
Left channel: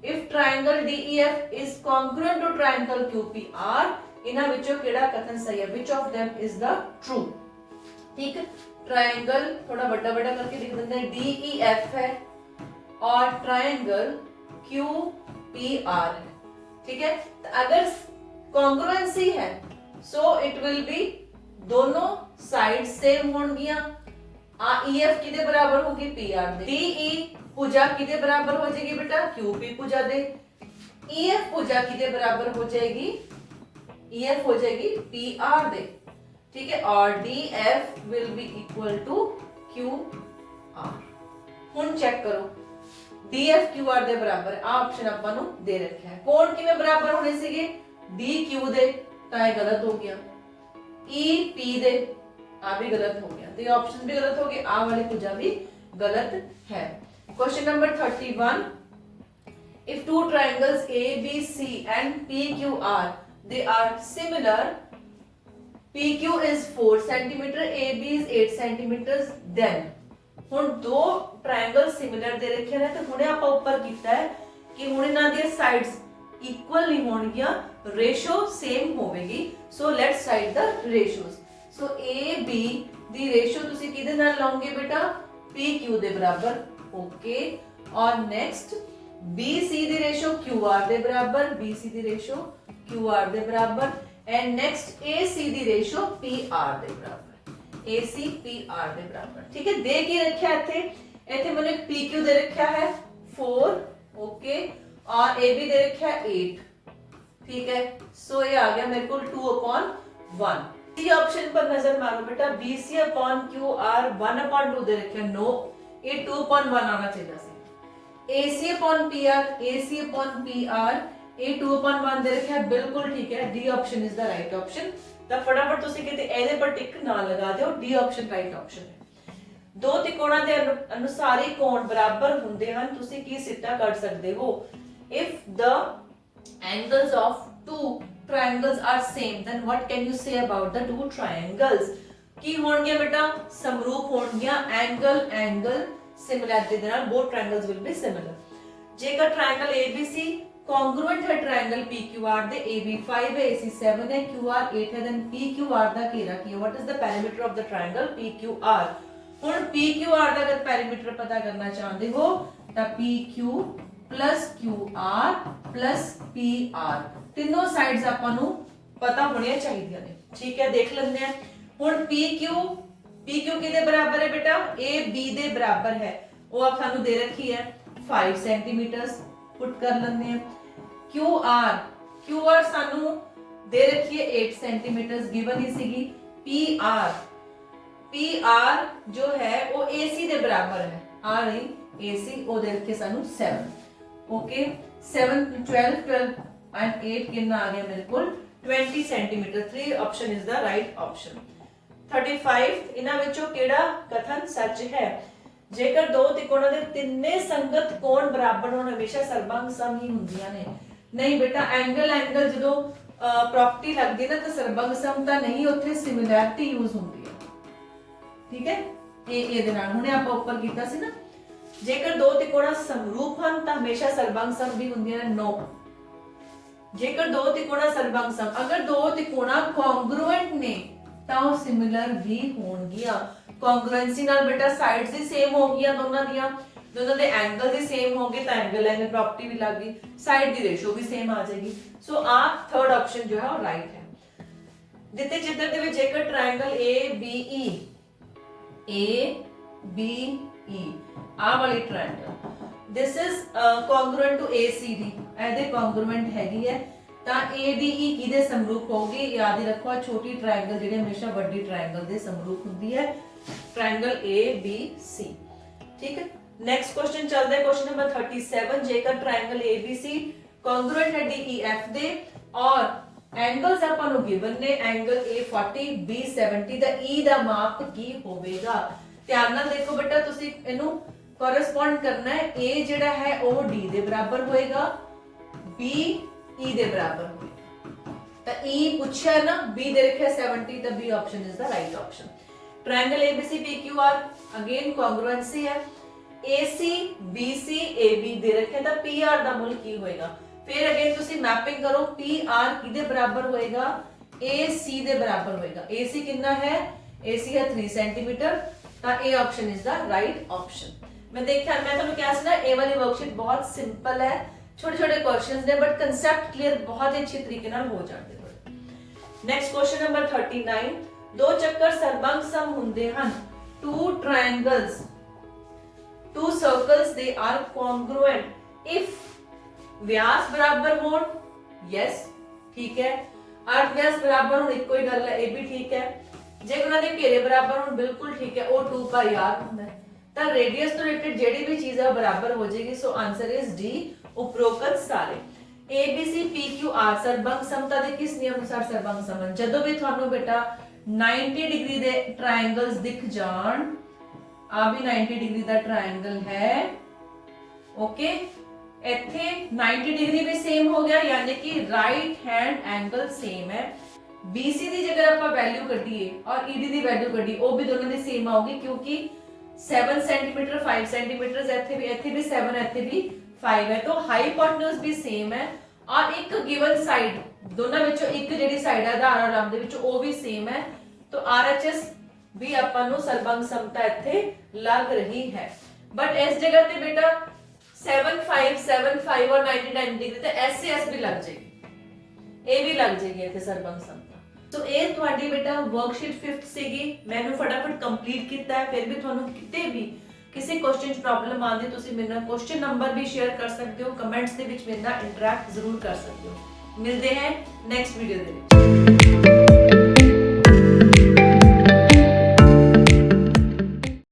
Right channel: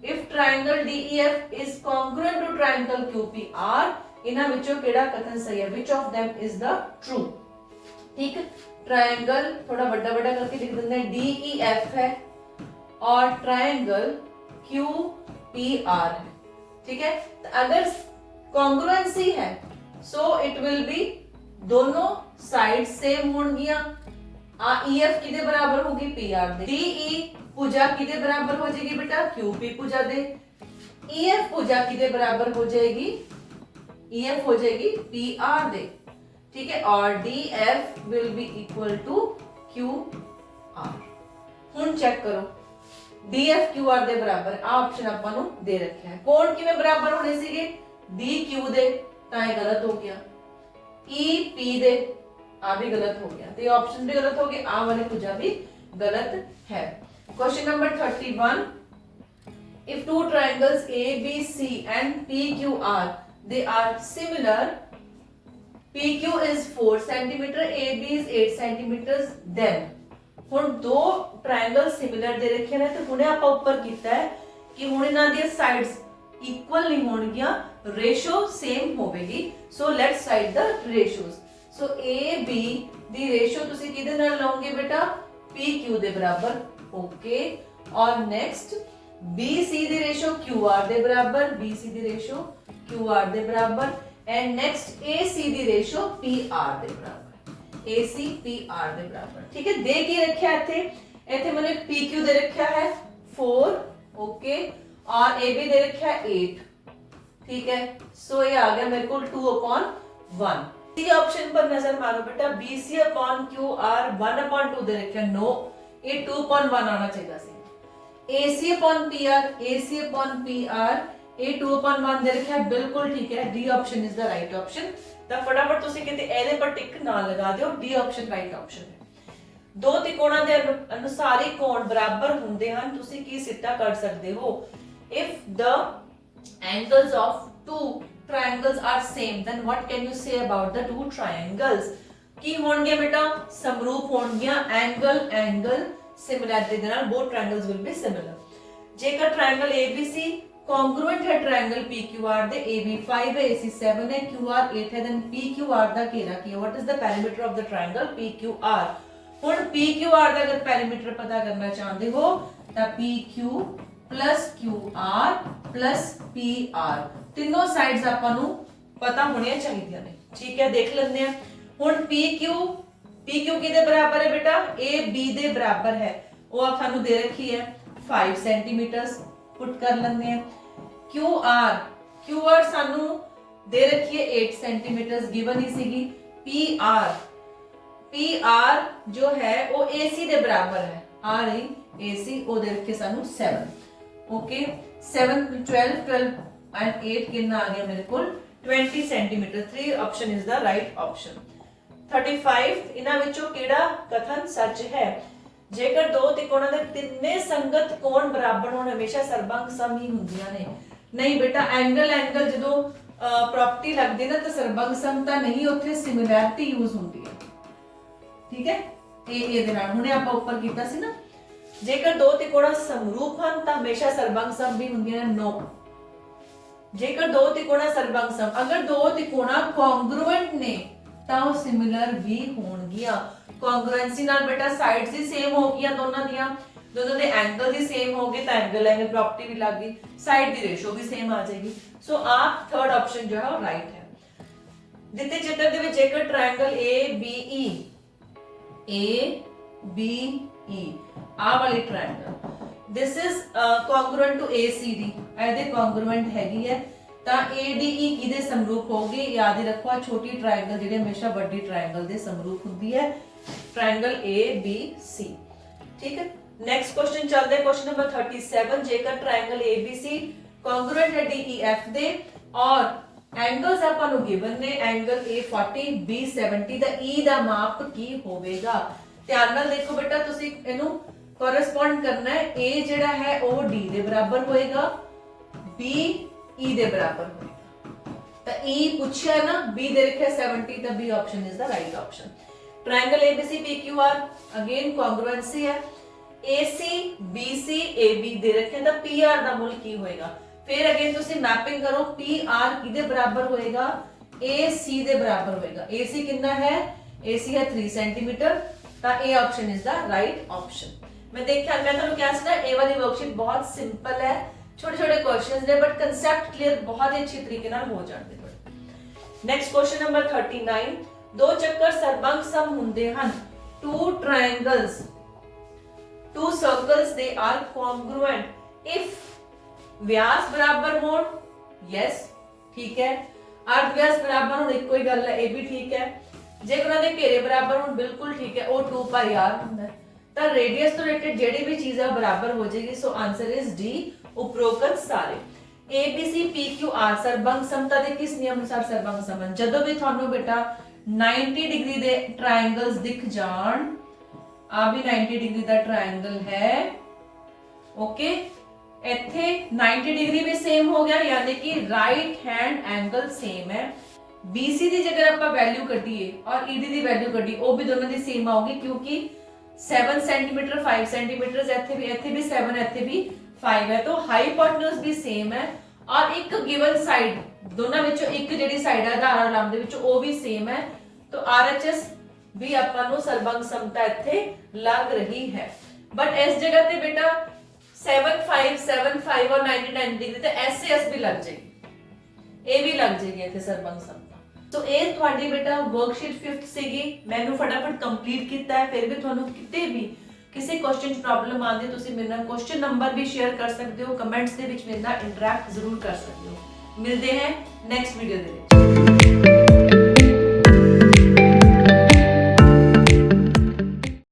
If triangle DEF is congruent to triangle QPR, ਇਹਨਾਂ ਵਿੱਚੋਂ ਕਿਹੜਾ ਕਥਨ ਸਹੀ ਹੈ, which of them is the true। ठीक, ट्रायंगल थोड़ा बड़ा बड़ा करके लिख देते हैं, DEF है और ट्रायंगल QPR है, ठीक है। तो अगर कॉन्ग्रुएंसी है सो इट विल बी दोनों साइड सेम होंगियां। EF किदे बराबर होगी, PR दे। DE भुजा किदे बराबर हो जाएगी बेटा, QP भुजा दे। EF भुजा किदे बराबर हो जाएगी, EF हो जाएगी PR दे, ठीक है, और DF will be equal to QR। ਹੁਣ ਚੈੱਕ ਕਰੋ DF QR ਦੇ ਬਰਾਬਰ, ਆ ਆਪਸ਼ਨ ਆਪਾਂ ਨੂੰ ਦੇ ਰੱਖਿਆ ਹੈ। ਕੋਣ ਕਿਵੇਂ ਬਰਾਬਰ ਹੋਣੇ ਸੀਗੇ, DQ ਦੇ, ਤਾਂ ਇਹ ਗਲਤ ਹੋ ਗਿਆ, EP ਦੇ, ਆ ਵੀ ਗਲਤ ਹੋ ਗਿਆ, ਤੇ ਆਪਸ਼ਨ ਵੀ ਗਲਤ ਹੋ ਗਏ, ਆ ਵਾਲੀ ਭੁਜਾ ਵੀ ਗਲਤ ਹੈ। Question number 31, if two triangles ABC and PQR they are similar, PQ is 4 centimeter, AB is 8 centimeters, then ਹੁਣ ਦੋ ਟ੍ਰਾਇੰਗਲ ਸਿਮਿਲਰ ਦੇ ਰੱਖੇ ਨੇ, ਤੇ ਹੁਣੇ ਆਪਾਂ ਉੱਪਰ ਕੀਤਾ ਹੈ ਕਿ ਹੁਣ ਇਹਨਾਂ ਦੀਆਂ ਸਾਈਡਸ ਇਕੁਅਲ ਨਹੀਂ ਹੋਣਗੀਆਂ, ਰੇਸ਼ੋ ਸੇਮ ਹੋਵੇਗੀ। So let's write the ratios. So AB ਦੀ ਰੇਸ਼ੋ ਤੁਸੀਂ ਕਿਹਦੇ ਨਾਲ ਲਾਓਗੇ ਬੇਟਾ, PQ ਦੇ ਬਰਾਬਰ, ਓਕੇ। और नेक्स्ट BC ਦੀ ਰੇਸ਼ੋ QR ਦੇ ਬਰਾਬਰ, BC ਦੀ ਰੇਸ਼ੋ QR ਦੇ ਬਰਾਬਰ। And next AC the ratio PR दे बराबर, AC PR दे बराबर। ठीक है, दे के रखा इथे मैंने PQ दे रखा है 4, ओके, और AB दे रखा है 8। ठीक है, सो ये आ गया मेरे को 2/1। सी ऑप्शन पर नजर मारो बेटा, BC/QR 1/2 दे रखा है, नो, ये 2/1 आना चाहिए सी। AC/PR, AC/PR ये 2/1 दे रखा है, बिल्कुल ठीक है, D option is the right option. तो फटाफट तुसी किते ਇਹਦੇ पर टिक ना लगा ਦਿਓ, डी ऑप्शन राइट ऑप्शन है। दो त्रिकोणां ਦੇ ਅਨੁਸਾਰ ਹੀ ਕੋਣ ਬਰਾਬਰ ਹੁੰਦੇ ਹਨ, ਤੁਸੀਂ ਕੀ ਸਿੱਟਾ ਕਰ ਸਕਦੇ ਹੋ? If the angles of two triangles are same, then what can you say about the two triangles? ਕੀ ਹੋਣਗੇ ਬੇਟਾ? ਸਮਰੂਪ ਹੋਣਗੀਆਂ, angle similarity ਦੇ ਨਾਲ both triangles will be similar। ਜੇਕਰ triangle ABC congruent है triangle PQR ਦੇ, AB 5 है, AC 7 है, QR 8 है, then PQR ਦਾ ਘੇਰਾ ਕੀ ਹੈ? What is the perimeter of the triangle PQR? ਹੁਣ PQR ਦਾ ਅਗਰ ਪੈਰੀਮੀਟਰ ਪਤਾ ਕਰਨਾ ਚਾਹੁੰਦੇ ਹੋ ਤਾਂ PQ plus QR plus PR ਤਿੰਨੋਂ ਸਾਈਡਸ ਆਪਾਂ ਨੂੰ ਪਤਾ ਹੋਣੀਆਂ ਚਾਹੀਦੀਆਂ ਨੇ। ਠੀਕ ਹੈ, ਦੇਖ ਲੈਂਦੇ ਆ। ਹੁਣ PQ ਕਿਹਦੇ ਬਰਾਬਰ ਹੈ ਬੇਟਾ? AB ਦੇ ਬਰਾਬਰ ਹੈ, ਉਹ ਆਪ ਸਾਨੂੰ ਦੇ ਰੱਖੀ ਹੈ 5 ਸੈਂਟੀਮੀਟਰ, ਪੁੱਟ ਕਰ ਲੈਂਦੇ ਆ। QR ਸਾਨੂੰ ਦੇ ਰੱਖੀ ਹੈ 8 ਸੈਂਟੀਮੀਟਰ ਗਿਵਨ ਹੀ ਸੀਗੀ। PR जो है वो AC ਦੇ ਬਰਾਬਰ ਹੈ, ਆ ਰਹੀ AC, ਉਹ ਦੇ ਰੱਖੇ ਸਾਨੂੰ 7, ओके, 7 12 and 8 कितना आ गया मेरे को 20 centimetre. 3 option is the right option. 35 ਇਹਨਾਂ ਵਿੱਚੋਂ ਕਿਹੜਾ ਕਥਨ ਸੱਚ ਹੈ? ਜੇਕਰ ਦੋ ਤਿਕੋਣਾਂ ਦੇ ਤਿੰਨੇ ਸੰਗਤ ਕੋਣ ਬਰਾਬਰ ਹੋਣ, ਹਮੇਸ਼ਾ ਸਰਬੰਗ ਸਮ ਹੀ ਹੁੰਦੀਆਂ ਨੇ। ਨਹੀਂ ਬੇਟਾ, ਐਂਗਲ ਜਦੋਂ ਪ੍ਰੋਪਰਟੀ ਲੱਗਦੀ ਨਾ ਤਾਂ ਸਰਬੰਗ ਸਮ ਤਾਂ ਨਹੀਂ, ਉੱਥੇ ਸਿਮਿਲੈਰਿਟੀ ਯੂਜ਼ ਹੁੰਦੀ ਹੈ। ਠੀਕ ਹੈ, ਇਹ ਇਹਦੇ ਨਾਲ ਹੁਣੇ ਆਪਾਂ ਉੱਪਰ ਕੀਤਾ ਸੀ ਨਾ। ਜੇਕਰ ਦੋ ਤਿਕੋਣਾ ਸਮਰੂਪ ਹਨ ਤਾਂ ਹਮੇਸ਼ਾ ਸਰਬੰਗ ਸਮ ਵੀ ਹੁੰਦੀਆਂ ਨੇ, ਨੋ। ਜੇਕਰ ਦੋ ਤਿਕੋਣਾ ਸਰਬੰਗ ਸਮ, ਅਗਰ ਦੋ ਤਿਕੋਣਾ ਕੌਂਗਰੂਐਂਟ ਨੇ ਤਾਂ ਉਹ ਸਿਮਿਲਰ ਵੀ ਹੋਣਗੀਆਂ। ਕੌਂਗਰੂਐਂਸੀ ਨਾਲ ਬੇਟਾ ਸਾਈਡਸ ਹੀ ਸੇਮ ਹੋ ਗਈਆਂ ਦੋਨਾਂ ਦੇ ਐਂਗਲ ਹੀ ਸੇਮ ਹੋ ਗਏ ਤਾਂ ਐਂਗਲ ਪ੍ਰੋਪਰਟੀ ਵੀ ਲੱਗ ਗਈ, ਸਾਈਡ ਦੀ ਰੇਸ਼ੋ ਵੀ ਸੇਮ ਆ ਜਾਏਗੀ। ਸੋ ਆ ਥਰਡ ਆਪਸ਼ਨ ਜੋ ਹੈ ਉਹ ਰਾਈਟ ਹੈ। ਦਿੱਤੇ ਚਿੱਤਰ ਦੇ ਵਿੱਚ ਜੇਕਰ ਟ੍ਰਾਇੰਗਲ ABE ਆ ਵਾਲੀ triangle, this is congruent to ACD, ਇਹਦੇ congruent ਹੈਗੀ ਹੈ ਤਾਂ ADE ਕਿਹਦੇ ਸਮਰੂਪ ਹੋਗੀ? ਯਾਦ ਹੀ ਰੱਖੋ, ਛੋਟੀ ਟ੍ਰਾਇੰਗਲ ਜਿਹੜੀ ਹਮੇਸ਼ਾ ਵੱਡੀ ਟ੍ਰਾਇੰਗਲ ਦੇ ਸਮਰੂਪ ਹੁੰਦੀ ਹੈ, ਟ੍ਰਾਇੰਗਲ ABC। ਠੀਕ ਹੈ, ਨੈਕਸਟ ਕੁਐਸਚਨ ਚੱਲਦਾ ਹੈ, ਕੁਐਸਚਨ ਨੰਬਰ 37। ਜੇਕਰ ਟ੍ਰਾਇੰਗਲ ABC congruent ਹੈ DEF ਦੇ ਔਰ एंगल्स ਆਪਾਂ ਨੂੰ ਗਿਵਨ ਨੇ, angle A 40 B 70 the E ਦਾ ਮਾਪ ਕੀ ਹੋਵੇਗਾ? ਧਿਆਨ ਨਾਲ ਦੇਖੋ ਬੇਟਾ, ਤੁਸੀਂ ਇਹਨੂੰ ਕੋਰਸਪੋਂਡ ਕਰਨਾ ਹੈ। A ਜਿਹੜਾ ਹੈ ਉਹ D ਦੇ ਬਰਾਬਰ ਹੋਏਗਾ, B E ਦੇ ਬਰਾਬਰ ਹੋਏਗਾ। ਤਾਂ E ਪੁੱਛਿਆ ਨਾ, B ਦੇ ਰੱਖਿਆ 70 ਤਾਂ B option is the right option. Triangle ABC PQR again congruency है, AC BC AB दे रखे ਤਾਂ PR ਦਾ ਮੁੱਲ ਕੀ ਹੋਏਗਾ? फिर अगेन तुसी मैपिंग करो, PR किदे बराबर होएगा? AC दे बराबर होएगा। AC कितना है? AC है 3 सेंटीमीटर, ता A option is the right option. मैं देखा, मैं ਤੁਹਾਨੂੰ ਕਿਹਾ ਸੀ ਨਾ ਇਹ ਵਾਲੀ ਵਰਕਸ਼ੀਟ ਬਹੁਤ ਸਿੰਪਲ ਹੈ, छोटे छोटे क्वेश्चंस ਨੇ बट कांसेप्ट क्लियर बहुत ही अच्छे तरीके ਨਾਲ ਹੋ ਜਾਂਦੇ ਨੇ। Next question number 39। दो चक्कर सर्वंग सम ਹੁੰਦੇ ਹਨ। two triangles, two circles, they are congruent if व्यास बराबर हो, यस ठीक है, अर्ध व्यास बराबर हो, ਇੱਕੋ ਹੀ ਗੱਲ ਹੈ, ਇਹ ਵੀ ਠੀਕ ਹੈ। ਜੇ ਉਹਨਾਂ ਦੇ ਘੇਰੇ ਬਰਾਬਰ ਹੋਣ, ਬਿਲਕੁਲ ਠੀਕ ਹੈ, ਉਹ 2 ਪਾਈ r ਹੁੰਦਾ ਹੈ। ਤਾਂ ਰੇਡੀਅਸ ਤੋਂ ਰਿਲੇਟਡ ਜਿਹੜੀ ਵੀ ਚੀਜ਼ ਹੈ ਬਰਾਬਰ ਹੋ ਜਾਏਗੀ। ਸੋ ਆਨਸਰ ਇਜ਼ ਡੀ, ਉਪਰੋਕਤ ਸਾਰੇ। ABC PQR ਸਰਬੰਗ ਸਮਤਾ ਦੇ ਕਿਸ ਨਿਯਮ ਅਨੁਸਾਰ ਸਰਬੰਗ ਸਮਨ? ਜਦੋਂ ਵੀ ਤੁਹਾਨੂੰ ਬੇਟਾ 90 डिग्री ਦੇ ਟ੍ਰਾਇੰਗਲਸ ਦਿਖ ਜਾਣ, ਆ ਵੀ 90 डिग्री ਦਾ ਟ੍ਰਾਇੰਗਲ ਹੈ, ਓਕੇ, ਇੱਥੇ 90 डिग्री भी सेम हो गया, यानी कि राइट हैंड एंगल सेम है। BC ਦੀ ਜੇਕਰ ਆਪਾਂ ਵੈਲਿਊ ਕੱਢੀਏ ਔਰ ED ਦੀ ਵੈਲਿਊ ਕੱਢੀ, ਉਹ ਵੀ ਦੋਨਾਂ ਦੀ ਸੇਮ ਆਊਗੀ ਕਿਉਂਕਿ 7 सेंटीमीटर 5 सेंटीमीटर ਇੱਥੇ ਵੀ 7 ਇੱਥੇ ਵੀ 5 ਹੈ, तो ਹਾਈਪੋਟਨਸ ਵੀ ਸੇਮ ਹੈ ਔਰ ਇੱਕ ਗਿਵਨ ਸਾਈਡ, ਦੋਨਾਂ ਵਿੱਚੋਂ ਇੱਕ ਜਿਹੜੀ ਸਾਈਡ ਹੈ ਆਧਾਰ ਆਰਾਮ ਦੇ ਵਿੱਚ ਉਹ ਵੀ ਸੇਮ ਹੈ, तो RHS ਵੀ ਆਪਾਂ ਨੂੰ ਸਰਬੰਗ ਸਮਤਾ ਇੱਥੇ ਲੱਗ ਰਹੀ ਹੈ। बट इस जगह ਤੇ ਬੇਟਾ 7 5 7 5 और 90 90 डिग्री तो SAS भी लग जाएगी। ਇਹ ਵੀ ਲੱਗ ਜਾਏਗਾ ਇੱਥੇ ਸਰਬੰਗ ਸੰਤਾ। ਸੋ ਇਹ ਤੁਹਾਡੀ ਬੇਟਾ ਵਰਕਸ਼ੀਟ 5th ਸੀਗੀ, ਮੈਂ ਵੀ ਫਟਾਫਟ ਕੰਪਲੀਟ ਕੀਤਾ ਹੈ। ਫਿਰ ਵੀ ਤੁਹਾਨੂੰ ਕਿਤੇ ਵੀ ਕਿਸੇ ਕੁਐਸਚਨ 'ਚ ਪ੍ਰੋਬਲਮ ਆਉਂਦੀ ਤੁਸੀਂ ਮੇਰੇ ਨਾਲ ਕੁਐਸਚਨ ਨੰਬਰ ਵੀ ਸ਼ੇਅਰ ਕਰ ਸਕਦੇ ਹੋ, ਕਮੈਂਟਸ ਦੇ ਵਿੱਚ ਮੇਰੇ ਨਾਲ ਇੰਟਰੈਕਟ ਜ਼ਰੂਰ ਕਰ ਸਕਦੇ ਹੋ। ਮਿਲਦੇ ਹਾਂ ਨੈਕਸਟ ਵੀਡੀਓ ਦੇ ਵਿੱਚ।